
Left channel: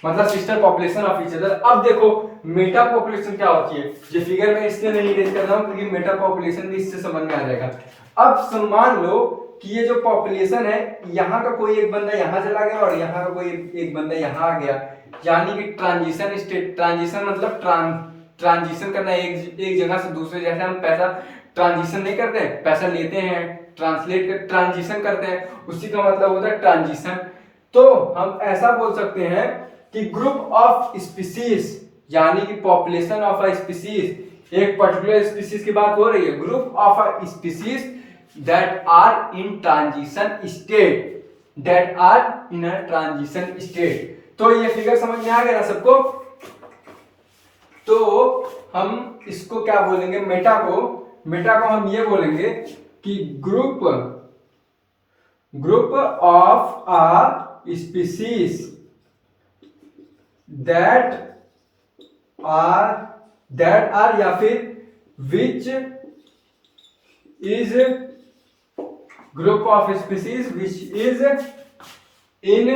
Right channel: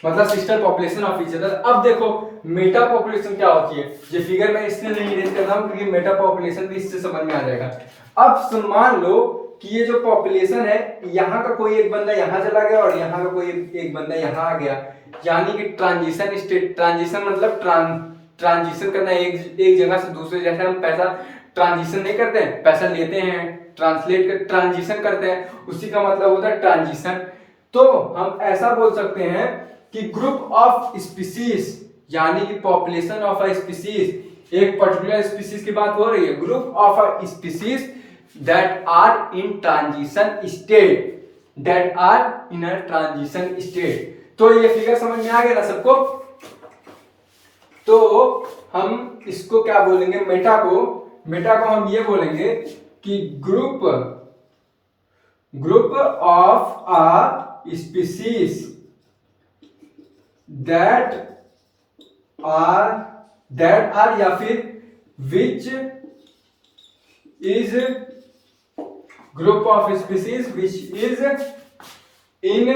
मतलब sister population of each other. अब देखो मेटा पॉपुलेशन क्या होती है, ये फिगर में इसलिए नहीं रेज कर रहा हूं क्योंकि मेटा पॉपुलेशन भी इससे समझ में आ जाएगा। अब मान लो कि ये जो पॉपुलेशन है, यहाँ का कोई एक बंदा यहाँ चला गया और यहाँ का कोई एक बंदा यहाँ आ गया, यानी कि ट्रांजिशन स्टेट। ट्रांजिशन मतलब ट्रांजिशन करना एक जगह से दूसरे, जैसे हम पैसा ट्रांजिशन नहीं करते हैं, पैसा लेते हैं ट्रांसलेट कर ट्रांजिशन करते हैं, उसी का मतलब होता है ट्रांजिशन। तो हम ऐसा बोल सकते हैं कि ग्रुप ऑफ स्पीसीज, यानी कि पॉपुलेशन ऑफ अ स्पीसीज, एक पर्टिकुलर स्पीसीज की बात हो रही है, group of a species that are in transition state, that are in a transition state। तो ये फिगर समझ में आ गया ना सबको? तो हम इसको क्या बोलेंगे, मेटा को हम ये बोलेंगे कि group of a species that are या फिर which is group of species which is in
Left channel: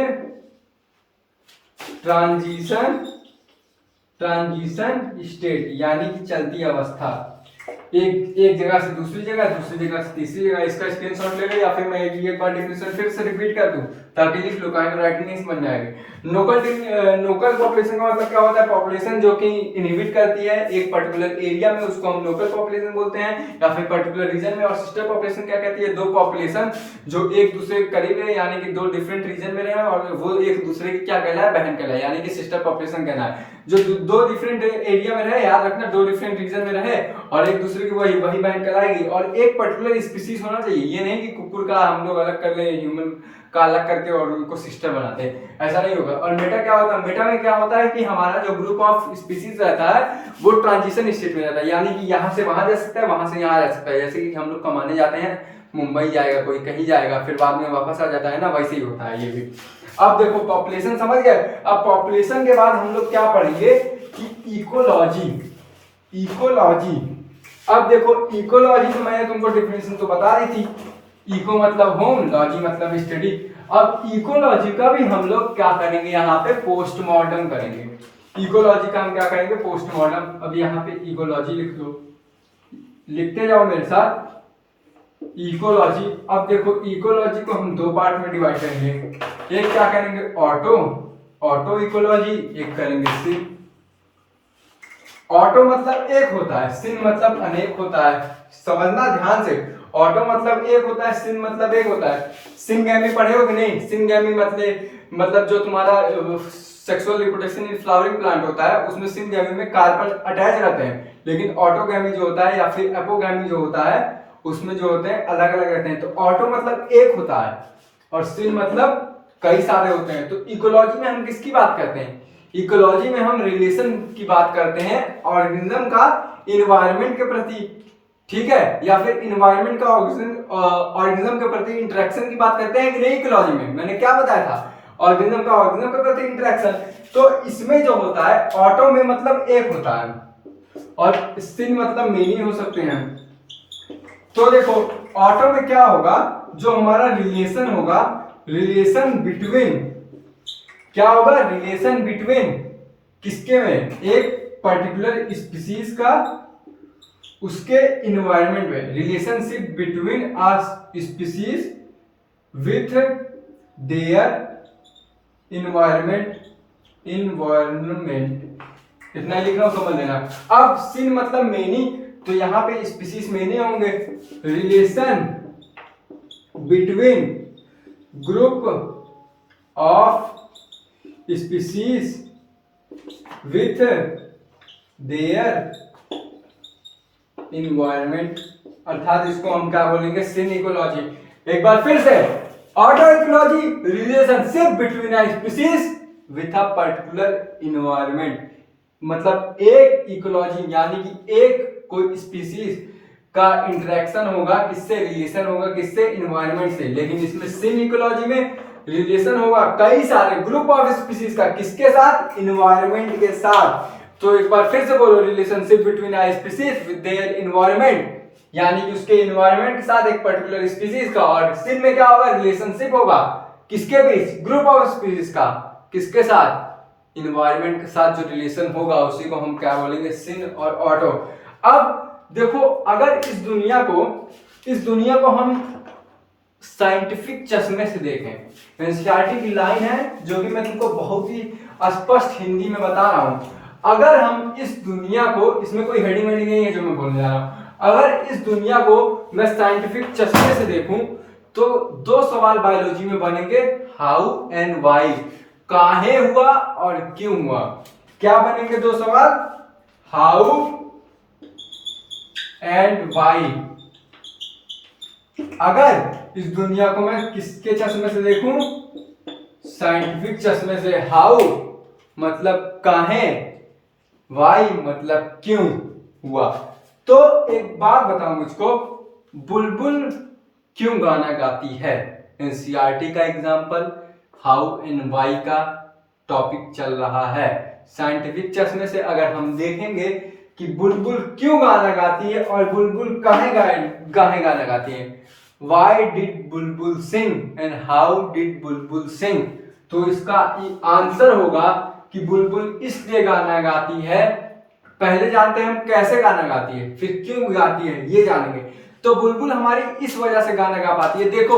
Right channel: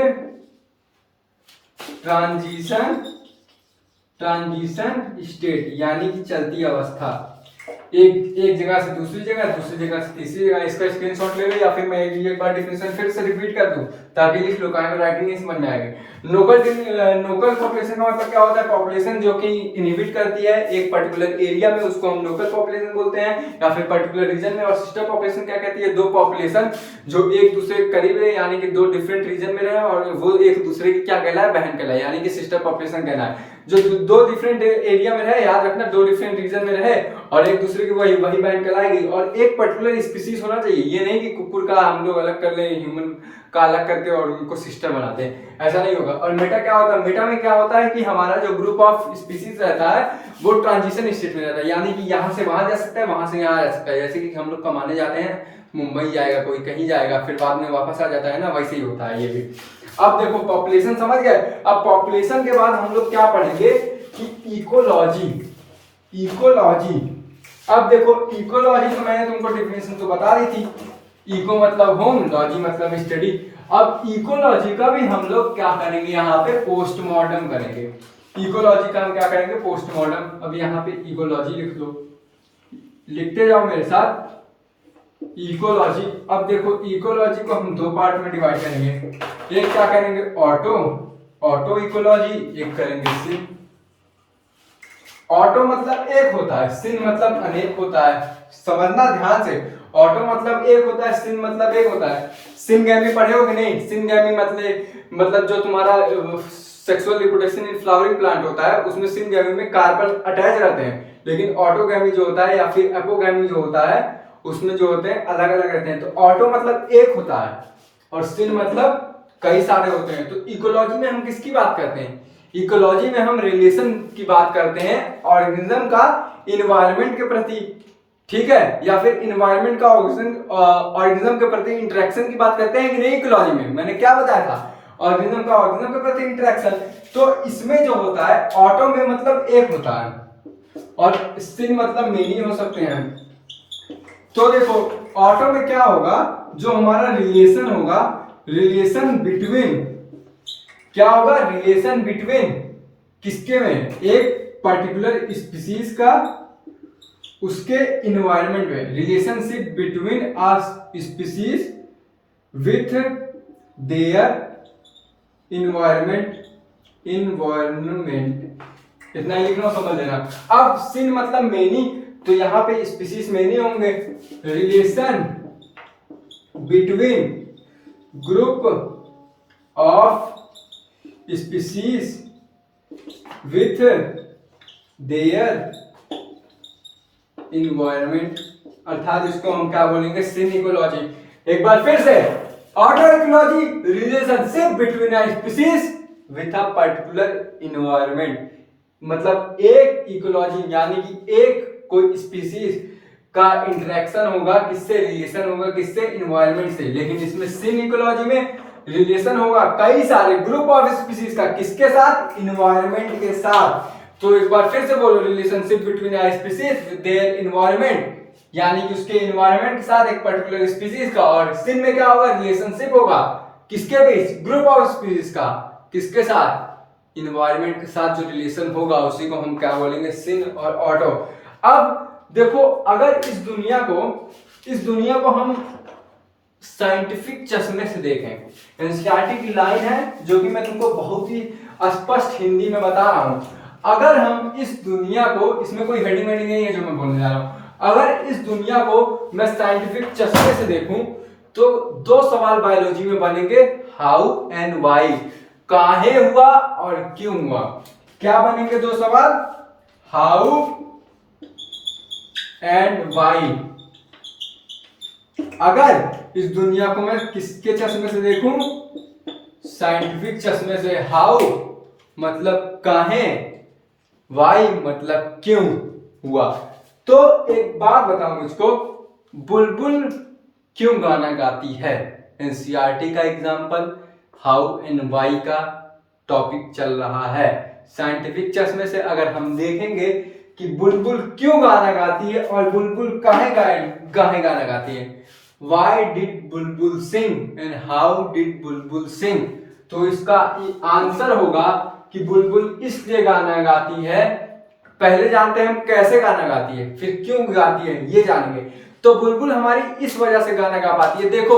transition state, यानी कि चलती अवस्था, एक जगह से दूसरी जगह से तीसरी जगह। इसका स्क्रीनशॉट ले लो या फिर मैं एक बार डेफिनेशन फिर से रिपीट कर दूं ताकि लिख लो, काहे को राइटिंग नहीं समझ में आएगी। लोकल पॉपुलेशन का मतलब क्या होता है, पॉपुलेशन जो कि इनहिबिट करती है एक पर्टिकुलर एरिया में, उसको हम लोकल पॉपुलेशन बोलते हैं, या फिर पर्टिकुलर रीजन में। और सिस्टर पॉपुलेशन क्या कहती है, दो पॉपुलेशन जो एक दूसरे के करीब रहे, यानी कि दो डिफरेंट रीजन में रहे और वो एक दूसरे की क्या कहलाए, बहन कहलाए, यानी कि सिस्टर पॉपुलेशन कहलाए। जो दो डिफरेंट एरिया में रहे, याद रखना, दो डिफरेंट रीजन में रहे और एक दूसरे की वही बहन कहलाएगी। और एक पर्टिकुलर स्पीसीज होना चाहिए, ये नहीं कि कुकुर का हम लोग अलग कर लें, ह्यूमन का अलग करके और उनको सिस्टर बनाते हैं, ऐसा नहीं होगा। और मेटा क्या होता है, मेटा में क्या होता है कि हमारा जो ग्रुप ऑफ स्पीसीज रहता है वो ट्रांजिशन स्टेट में रहता है, यानी कि यहाँ से वहां जा सकता है, वहां से यहाँ जा सकता है। जैसे कि हम लोग कमाने जाते हैं, मुंबई जाएगा कोई, कहीं जाएगा, फिर बाद में वापस आ जाता है ना, वैसे ही होता है ये भी। अब देखो पॉपुलेशन समझ गए। अब पॉपुलेशन के बाद हम लोग क्या पढ़ेंगे कि इकोलॉजी। अब देखो इकोलॉजी तो मैंने तुमको डेफिनेशन तो बता दी थी, इको मतलब होम, लॉजी मतलब स्टडी। अब इकोलॉजी का भी हम लोग क्या करेंगे, यहाँ पे पोस्टमार्टम करेंगे। इकोलॉजी का हम क्या करेंगे, पोस्टमार्टम। अब यहाँ पे इकोलॉजी लिख दो, लिखते जाओ मेरे साथ, इकोलॉजी। अब देखो इकोलॉजी को हम दो पार्ट में डिवाइड करेंगे। एक क्या करेंगे, ऑटो इकोलॉजी, एक करेंगे सिन। ऑटो मतलब एक होता है, सिन मतलब अनेक होता है। समझना ध्यान से, ऑटो मतलब एक होता है, सिन मतलब एक होता है। सिनगैमी पढ़े हो कि नहीं? सिनगैमी मतलब जो तुम्हारा sexual reproduction in flowering plant होता है, उसमें सिनगैमी में कार्बन अटैच रहते हैं। लेकिन ऑटोगैमी जो होता है या फिर एपोगैमी जो होता है, उसमें जो होते हैं अलग अलग रहते हैं। तो ऑटो मतलब एक होता है और सिन मतलब कई सारे होते हैं। तो इकोलॉजी में हम किसकी बात करते हैं, इकोलॉजी में हम रिलेशन की बात करते हैं ऑर्गेनिज्म का इन्वायरमेंट के प्रति, ठीक है, या फिर इन्वायरमेंट का ऑर्गेनिज्म के प्रति इंटरेक्शन की बात करते हैं कि नहीं। इकोलॉजी में मैंने क्या बताया था, ऑर्गेनिज्म का ऑर्गेनिज्म के प्रति इंटरेक्शन। तो इसमें जो होता है, ऑटो में मतलब एक होता है और सिन मतलब मेनी हो सकते हैं। तो देखो ऑटो में क्या होगा, जो हमारा रिलेशन होगा, रिलेशन बिटवीन क्या होगा, रिलेशन बिटवीन किसके में, एक पर्टिकुलर स्पीसीज का उसके इन्वायरमेंट में, relationship between a species with their environment इतना ही लिख रहा हूं, समझ लेना। अब सिन मतलब मेनी, तो यहाँ पे स्पीसीज मेनी होंगे। Relation between group of species with their environment, अर्थात इसको हम क्या बोलेंगे, सिन इकोलॉजी। एक बार फिर से, order ecology, relationship between a species with a particular environment, मतलब एक इकोलॉजी यानी कि एक कोई स्पीसीज का इंटरेक्शन होगा किससे, रिलेशन होगा किससे, इन्वायरमेंट से। लेकिन इसमें सिन इकोलॉजी में रिलेशन होगा कई सारे ग्रुप ऑफ स्पीसीज का, किसके साथ, इन्वायरमेंट के साथ। तो एक बार फिर से बोलो, relationship between a species with their environment, यानी कि उसके इन्वायरमेंट के साथ एक पर्टिकुलर स्पीसीज का। और सिन में क्या होगा, रिलेशनशिप होगा किसके बीच, ग्रुप ऑफ स्पीसीज का, किसके साथ, इन्वायरमेंट के साथ जो रिलेशन होगा उसी को हम क्या बोलेंगे, सिन और ऑटो। अब देखो, अगर इस दुनिया को हम साइंटिफिक चश्मे से देखें, एनसीईआरटी की लाइन है जो कि मैं तुमको बहुत ही स्पष्ट हिंदी में बता रहा हूं। अगर हम इस दुनिया को, इसमें कोई हेडिंग वेडिंग नहीं है जो मैं बोलने जा रहा हूं, अगर इस दुनिया को मैं साइंटिफिक चश्मे से देखूं तो दो सवाल बायोलॉजी में बनेंगे, हाउ एंड व्हाई, काहे हुआ और क्यों हुआ। क्या बनेंगे दो सवाल, हाउ एंड व्हाई। अगर इस दुनिया को मैं किसके चश्मे से देखूं, साइंटिफिक चश्मे से। हाउ मतलब काहे, व्हाई मतलब क्यों हुआ। तो एक बात बताऊं मुझको, बुलबुल क्यों गाना गाती है, एनसीईआरटी का एग्जाम्पल, हाउ एंड व्हाई का टॉपिक चल रहा है। साइंटिफिक चश्मे से अगर हम देखेंगे कि बुलबुल क्यों गाना गाती है और बुलबुल काहे गाना गाती है, why did Bulbul sing and how did बुलबुल सिंग, तो इसका आंसर होगा कि बुलबुल इसलिए गाना गाती है। पहले जानते हैं हम कैसे गाना गाती है, फिर क्यों गाती है ये जानेंगे। तो बुलबुल हमारी इस वजह से गाना गा पाती है। देखो,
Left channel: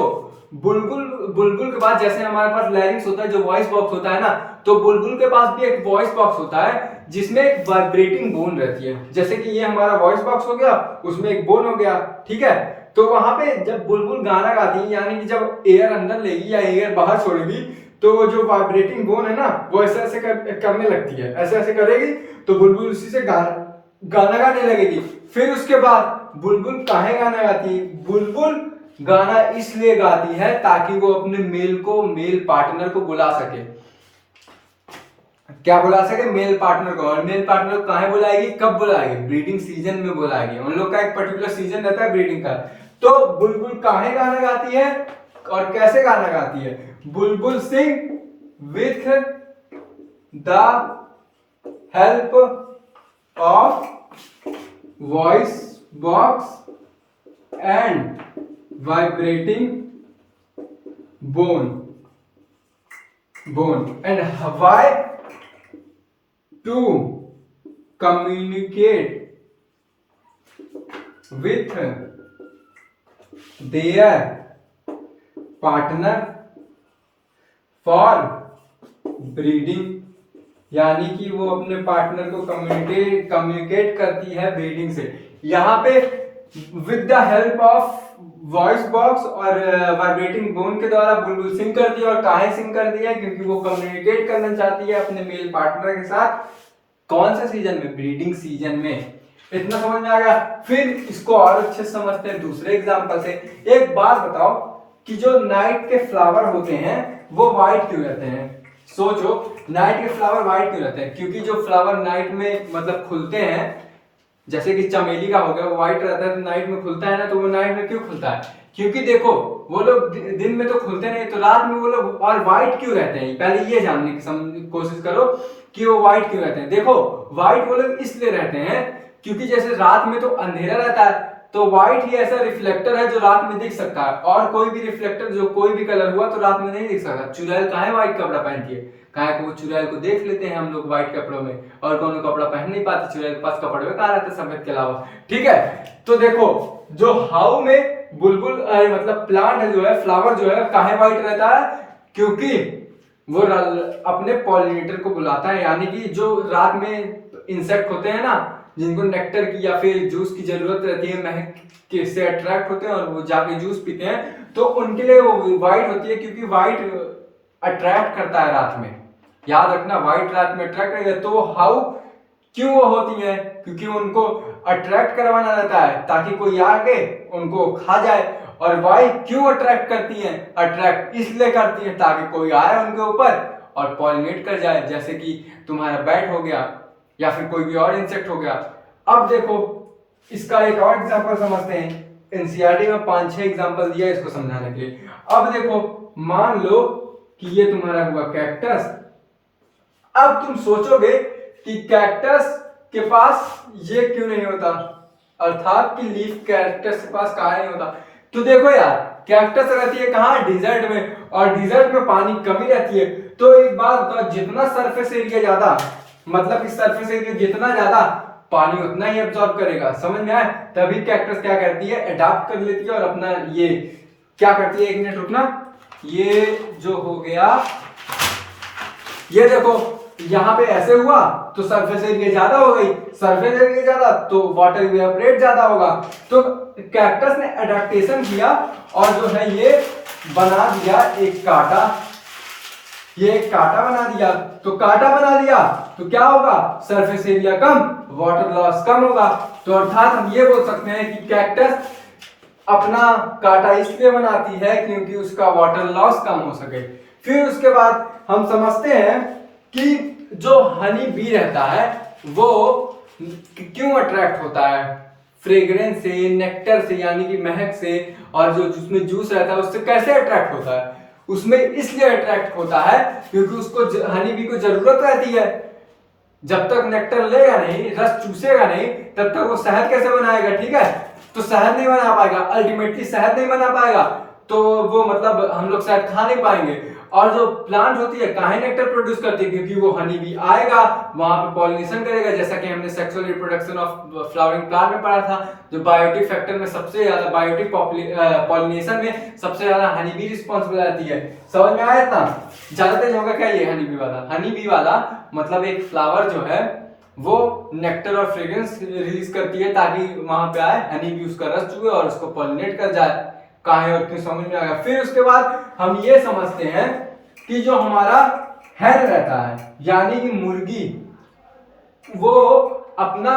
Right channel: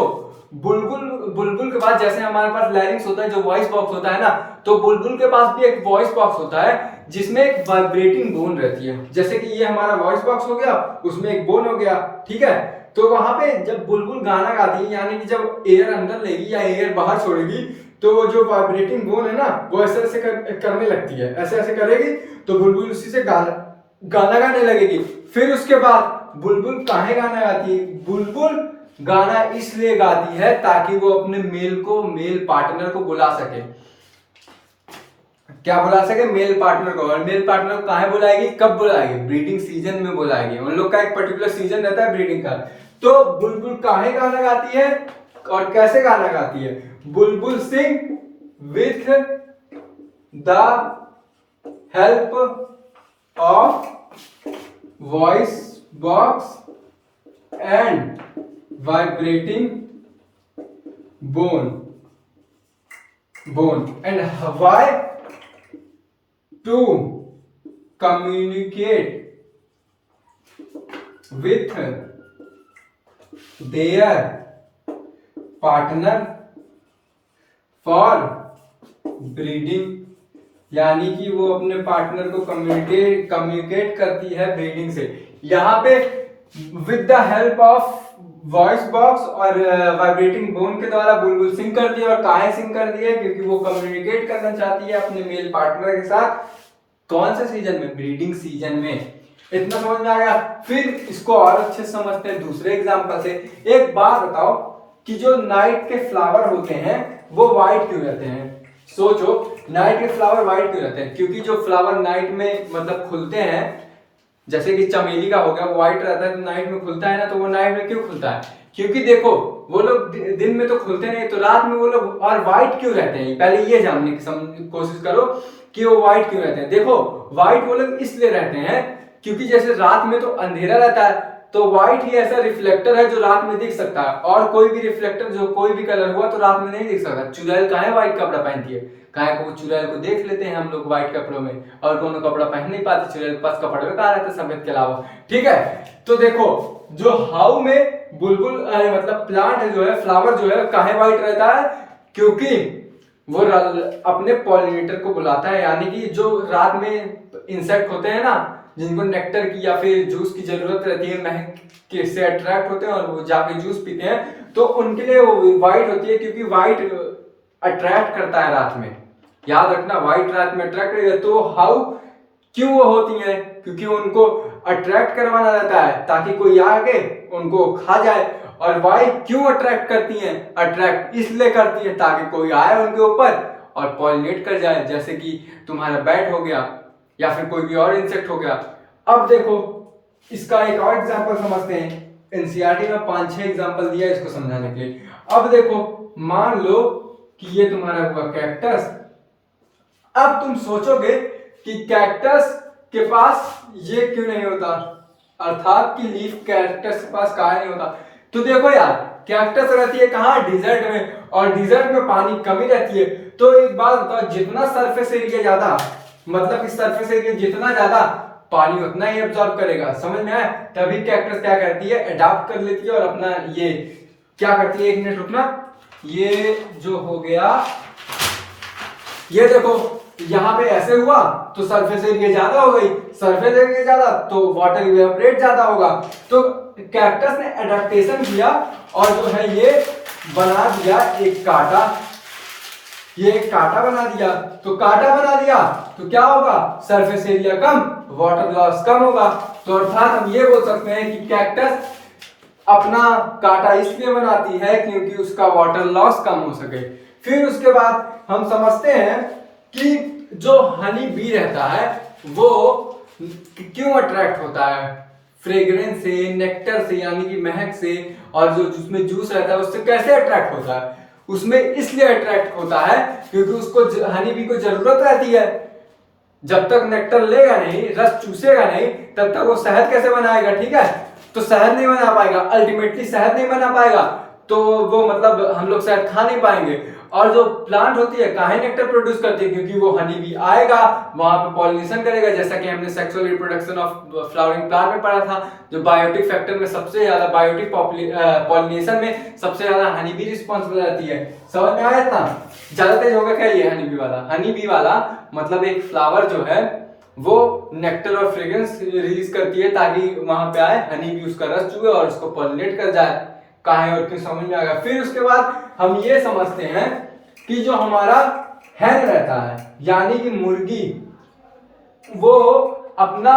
बुलबुल के बाद जैसे हमारे पास लैरिंग्स होता है, जो वॉइस बॉक्स होता है ना, तो बुलबुल के पास भी एक वॉइस बॉक्स होता है जिसमें एक वाइब्रेटिंग बोन रहती है। जैसे कि ये हमारा वॉइस बॉक्स हो गया, उसमें एक बोन हो गया, ठीक है। तो वहां पे जब बुलबुल गाना गाती है, यानी कि जब एयर अंदर लेगी या एयर बाहर छोड़ेगी, तो वो जो वाइब्रेटिंग बोन है ना, वो ऐसे ऐसे करने लगती है, ऐसे ऐसे करेगी, तो बुलबुल उसी से गाना गाने लगेगी। फिर उसके बाद बुलबुल काहे गाना गाती है, बुलबुल गाना इसलिए गाती है ताकि वो अपने मेल पार्टनर को बुला सके। क्या बुला सके, मेल पार्टनर को। और मेल पार्टनर को कहां बुलाएगी, कब बुलाएगी, ब्रीडिंग सीजन में बुलाएगी। उन लोग का एक पर्टिकुलर सीजन रहता है ब्रीडिंग का। तो बुलबुल काहे गाना गाती है और कैसे गाना गाती है, बुलबुल सिंग with the help of voice box and vibrating bone and why to communicate with their partner for breeding, यानी कि वो अपने पार्टनर को कम्युनिकेट करती है ब्रीडिंग से। यहाँ पे with the help of voice box और वाइब्रेटिंग बोन के द्वारा बुलबुल सिंग करती है। और काहे सिंग करती है, क्योंकि वो कम्युनिकेट करना चाहती है अपने मेल पार्टनर के साथ। कौन से सीजन में, ब्रीडिंग सीजन में। इतना समझ में आ गया। फिर इसको और अच्छे से समझते हैं दूसरे एग्जांपल से। एक बात बताओ कि जो नाइट के फ्लावर होते हैं वो व्हाइट क्यों रहते हैं, सोचो, नाइट के फ्लावर व्हाइट क्यों रहते हैं। क्योंकि जो फ्लावर नाइट में मतलब खुलते हैं, जैसे कि चमेली का हो गया, वो व्हाइट रहता है तो नाइट में खुलता है ना, तो वो नाइट में क्यों खुलता है, क्योंकि देखो वो लोग दिन में तो खुलते नहीं, तो रात में वो लोग। और व्हाइट क्यों रहते हैं, पहले ये जानने की कोशिश करो कि वो व्हाइट क्यों रहते हैं। देखो, व्हाइट वो लोग इसलिए रहते हैं क्योंकि जैसे रात में तो अंधेरा रहता है, तो व्हाइट ही ऐसा रिफ्लेक्टर है जो रात में दिख सकता है। और कोई भी रिफ्लेक्टर जो कोई भी कलर हुआ तो रात में नहीं दिख सकता। चुड़ैल काहे व्हाइट कपड़ा पहनती है, काहे को चुड़ैल को देख लेते हैं हम लोग व्हाइट कपड़ों में, और कोनो कपड़ा पहन नहीं पाते, चुड़ैल के पास कपड़े कहाँ रहते सफेद के अलावा, ठीक है। तो देखो, जो हाउ में बुलबुल मतलब प्लांट है जो है, फ्लावर जो है, काहे व्हाइट रहता है, क्योंकि वो अपने पॉलिनेटर को बुलाता है, यानी कि जो रात में इंसेक्ट होते हैं ना, जिनको नेक्टर की या फिर जूस की जरूरत रहती है, महक के से अट्रैक्ट होते हैं और वो जाके जूस पीते हैं, तो उनके लिए वो वाइट होती है, क्योंकि वाइट अट्रैक्ट करता है रात में। याद रखना, वाइट रात में अट्रैक्ट करेगा। तो हाउ, क्यों वो होती है? क्योंकि उनको अट्रैक्ट करवाना रहता है ताकि कोई आके उनको खा जाए। और वाइट क्यों अट्रैक्ट करती हैं? अट्रैक्ट इसलिए करती है ताकि कोई आए उनके ऊपर और पॉलिनेट कर जाए, जैसे कि तुम्हारा बैट हो गया या फिर कोई भी और इंसेक्ट हो गया। अब देखो इसका एक और एग्जांपल समझते हैं। एनसीईआरटी में 5-6 एग्जांपल दिया इसको समझाने के लिए। अब देखो, मान लो कि ये तुम्हारा हुआ कैक्टस। अब तुम सोचोगे कि कैक्टस के पास ये क्यों नहीं होता, अर्थात कि लीफ कैक्टस के पास कहाँ नहीं होता। तो देखो यार, कैक्टस रहती है कहाँ? डिजर्ट में, और डिजर्ट में पानी कमी रहती है। तो एक बात बताओ, जितना सरफेस एरिया ज्यादा, मतलब इस सरफेस एरिया जितना ज्यादा, पानी उतना ही एब्जॉर्ब करेगा। समझ में आए? तभी कैक्टस क्या करती है, अडॉप्ट कर लेती है और अपना ये क्या करती है। एक मिनट रुकना, ये जो हो गया, ये देखो यहाँ पे ऐसे हुआ तो सरफेस एरिया ज्यादा हो गई, सरफेस एरिया ज्यादा तो वाटर इवेपोरेट ज्यादा होगा। तो कैक्टस ने अडेप्टेशन किया और जो है ये बना दिया एक कांटा, ये एक कांटा बना दिया। तो कांटा बना दिया तो क्या होगा, सरफेस एरिया कम, वाटर लॉस कम होगा। तो अर्थात हम ये बोल सकते हैं कि कैक्टस अपना कांटा इसलिए बनाती है क्योंकि उसका वाटर लॉस कम हो सके। फिर उसके बाद हम समझते हैं कि जो हनी बी रहता है वो क्यों अट्रैक्ट होता है, फ्रेग्रेंस से, नेक्टर से, यानी कि महक से, और जो उसमें जूस रहता है उससे कैसे अट्रैक्ट होता है? उसमें इसलिए अट्रैक्ट होता है क्योंकि उसको हनी बी को जरूरत रहती है। जब तक नेक्टर लेगा नहीं, रस चूसेगा नहीं, तब तक वो शहद कैसे बनाएगा? ठीक है, तो शहद नहीं बना पाएगा, अल्टीमेटली शहद नहीं बना पाएगा तो वो मतलब हम लोग शहद खा नहीं पाएंगे। और जो प्लांट होती है काहे नेक्टर प्रोड्यूस करती है? क्योंकि वो हनी बी आएगा, वहां पे पॉलिनेशन करेगा, जैसा कि हमने sexual reproduction of flowering plant में पढ़ा था। जो बायोटिक फैक्टर में सबसे ज्यादा, बायोटिक पॉलिनेशन में सबसे ज्यादा हनी बी रिस्पॉन्सिबल रहती है। समझ में आया इतना? ज्यादा तेज होगा क्या ये हनी बी वाला? हनी बी वाला मतलब एक फ्लावर जो है वो नेक्टर और फ्रेग्रेंस रिलीज करती है ताकि वहां पे आए, हनी बी उसका रस चुए और उसको पॉलिनेट कर जाए। काहे और क्यों समझ में आ गया। फिर उसके बाद हम ये समझते हैं कि जो हमारा हैन रहता है, यानी कि मुर्गी, वो अपना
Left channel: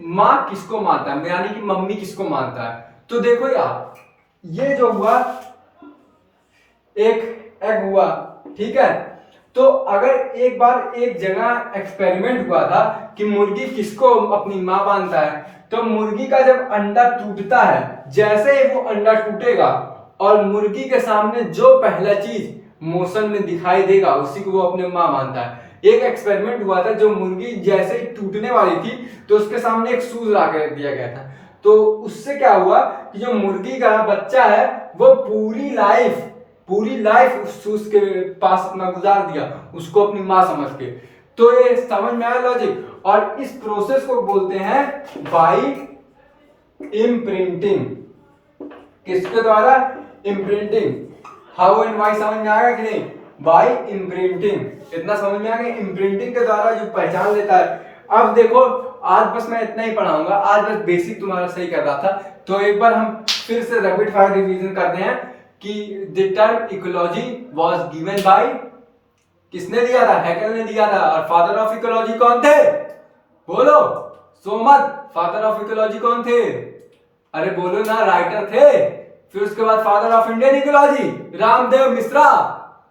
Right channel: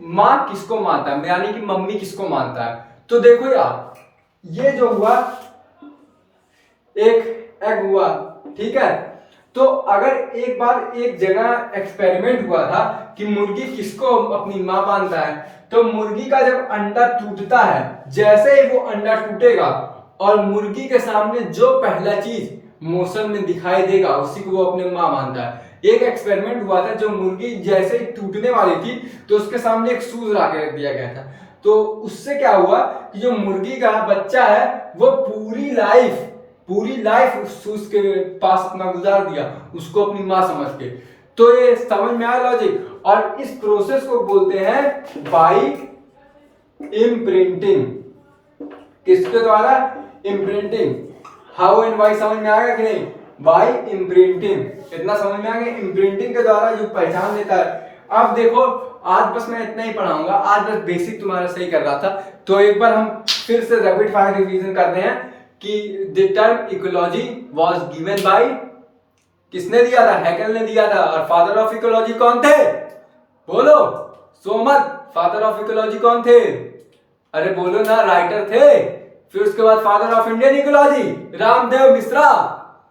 माँ किसको मानता है, यानी कि मम्मी किसको मानता है? तो देखो यार, ये जो हुआ एक एग हुआ, ठीक है। तो अगर एक बार एक जगह एक्सपेरिमेंट हुआ था कि मुर्गी किसको अपनी माँ मानता है, तो मुर्गी का जब अंडा टूटता है, जैसे ही वो अंडा टूटेगा और मुर्गी के सामने जो पहला चीज मोशन में दिखाई देगा उसी को वो अपने माँ मानता है। एक एक्सपेरिमेंट हुआ था, जो मुर्गी जैसे ही टूटने वाली थी तो उसके सामने एक शूज ला के रख दिया गया था। तो उससे क्या हुआ कि जो मुर्गी का बच्चा है वो पूरी लाइफ उस शूज के पास अपना गुजार दिया, उसको अपनी माँ समझ के। तो ये समझ में आया लॉजिक। और इस प्रोसेस को बोलते हैं बाई इम्प्रिंटिंग। किसके द्वारा? इम्प्रिंटिंग। हाउ एंड वाई समझ में आया कि नहीं? By imprinting. इतना समझ में आ गया, इम्प्रिंटिंग के द्वारा जो पहचान लेता है। अब देखो, आज बस मैं इतना ही पढ़ाऊंगा, आज बस बेसिक तुम्हारा सही कर रहा था। तो एक बार हम फिर से रैपिड फायर रिवीजन करते हैं कि the term ecology was given by, किसने दिया था? हैकेल ने दिया था। और फादर ऑफ इकोलॉजी कौन थे? बोलो, सोमत। फादर ऑफ इकोलॉजी कौन थे? अरे बोलो ना, राइटर थे। फिर उसके बाद father of Indian ecology Ramdev Mishra.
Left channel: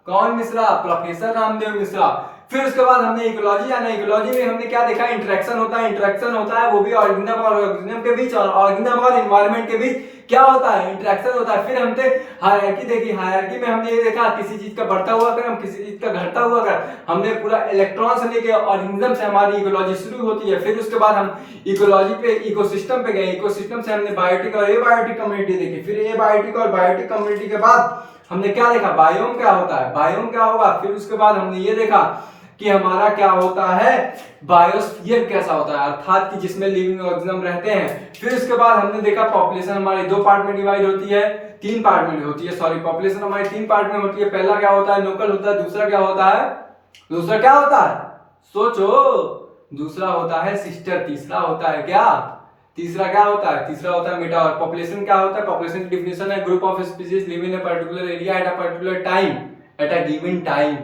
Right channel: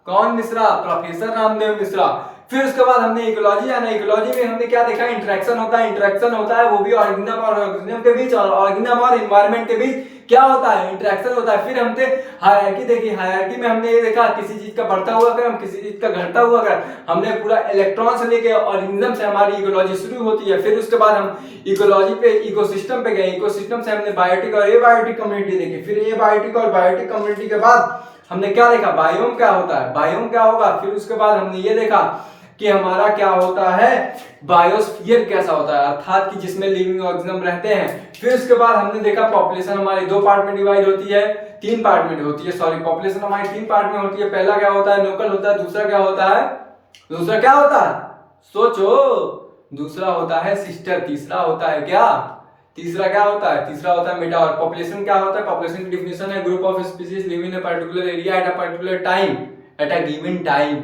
कौन मिश्रा? प्रोफेसर रामदेव मिश्रा। फिर उसके बाद हमने इकोलॉजी जाना। इकोलॉजी में हमने क्या देखा? इंटरेक्शन होता है वो भी ऑर्गेनिज्म और ऑर्गेनिज्म के बीच, और ऑर्गेनिज्म और एनवायरनमेंट के बीच क्या होता है? इंटरेक्शन होता है। फिर हमने हायरार्की देखी। हायरार्की में हमने ये देखा किसी चीज का बढ़ता हुआ क्रम, किसी चीज का घटता हुआ क्रम। हमने पूरा इलेक्ट्रॉन से लेके ऑर्गेनिज्म से हमारी इकोलॉजी शुरू होती है। फिर उसके बाद हम इकोलॉजी पे इकोसिस्टम पे गए। इकोसिस्टम से हमने बायोटिक और एबायोटिक कम्युनिटी देखी। फिर एबायोटिक और बायोटिक कम्युनिटी के बाद हमने क्या देखा? बायोम क्या होता है, बायोम क्या होगा। फिर उसके बाद हमने ये देखा कि हमारा क्या होता है, बायोस्फीयर कैसा होता है, अर्थात कि जिसमें लिविंग ऑर्गेनिज्म रहते हैं। फिर उसके बाद हमने देखा पॉपुलेशन हमारी दो पार्ट में डिवाइड होती है, तीन पार्ट में होती है, सॉरी पॉपुलेशन हमारी तीन पार्ट में होती है। पहला क्या होता है, लोकल होता है। दूसरा क्या होता है, दूसरा क्या होता है, सोचो, दूसरा होता है सिस्टर। तीसरा होता है क्या, तीसरा क्या होता है, तीसरा होता है मेटा। और पॉपुलेशन क्या होता है, पॉपुलेशन की डिफिनेशन है group of species live in a particular area at a particular time, at a given time.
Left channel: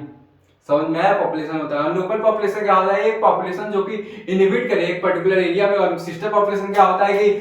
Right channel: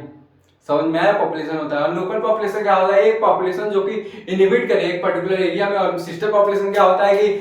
समझ में आया, पॉपुलेशन होता है। और लोकल पॉपुलेशन क्या होता है, एक पॉपुलेशन जो कि इनहिबिट करे एक पर्टिकुलर एरिया में। और सिस्टर पॉपुलेशन क्या होता है कि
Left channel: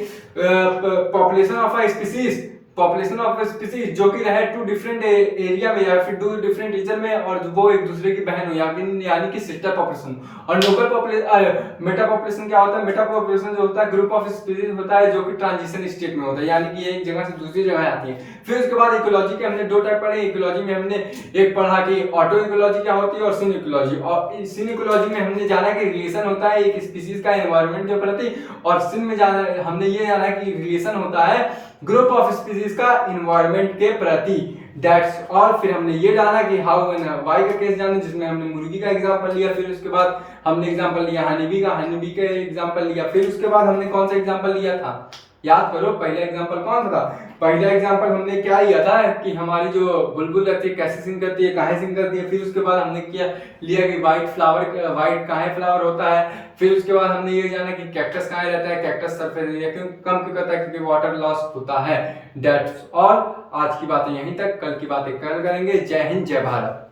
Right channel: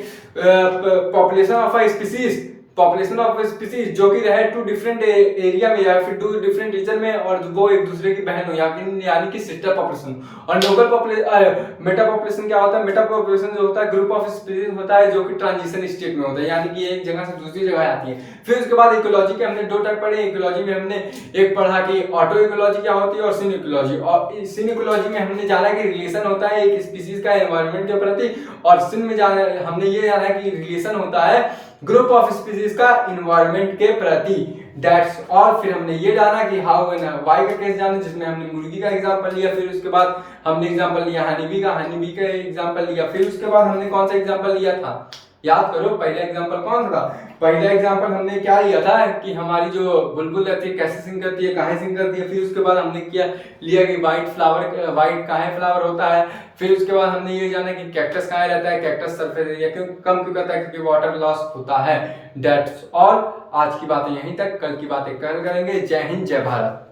population of a species, population of species जो कि रहे टू डिफरेंट एरिया में या फिर टू डिफरेंट रीजन में, और वो एक दूसरे की बहन हो, यानी कि सिस्टर पॉपुलेशन। और लोकल पॉपुलेशन, मेटा पॉपुलेशन क्या होता है, मेटा पॉपुलेशन जो होता है ग्रुप ऑफ स्पीसीज होता है जो कि ट्रांजिशन स्टेट में होता है, यानी कि एक जगह से दूसरी जगह आती है। फिर उसके बाद इकोलॉजी के हमने दो टाइप पढ़े। इकोलॉजी में हमने एक पढ़ा कि ऑटो इकोलॉजी क्या होती है और सिन इकोलॉजी। और सिन इकोलॉजी में हमने जाना कि रिलेशन होता है एक स्पीसीज का एनवायरनमेंट के प्रति, और सिन में जाना हमने ये जाना कि रिलेशन होता है ग्रुप ऑफ स्पीसीज का इन्वायरमेंट के प्रति। That's all. फिर हमने ये जाना कि हाउ एंड व्हाई का केस जाना, जिसमें हमने मुर्गी का एग्जांपल लिया। फिर उसके बाद हमने एग्जांपल लिया हनी बी का एग्जांपल लिया। फिर उसके बाद हमने कौन सा एग्जांपल लिया था, याद करो, पहला एग्जांपल कौन सा था। पहला एग्जांपल हमने क्या लिया था कि हमारी जो बुलबुल रहती है कैसे सिंग करती है, कहाँ सिंग करती है। फिर उसके बाद हमने क्या लिया कि व्हाइट कहाँ फ्लावर होता है। फिर उसके बाद हमने ये जाना कि कैक्टस कहाँ रहता है, कैक्टस सरफेस एरिया क्यों कम क्यों करता है, क्योंकि वाटर लॉस होता है। That's all. आज की बातें यहीं तक, कल की बातें कल करेंगे। जय हिंद, जय भारत।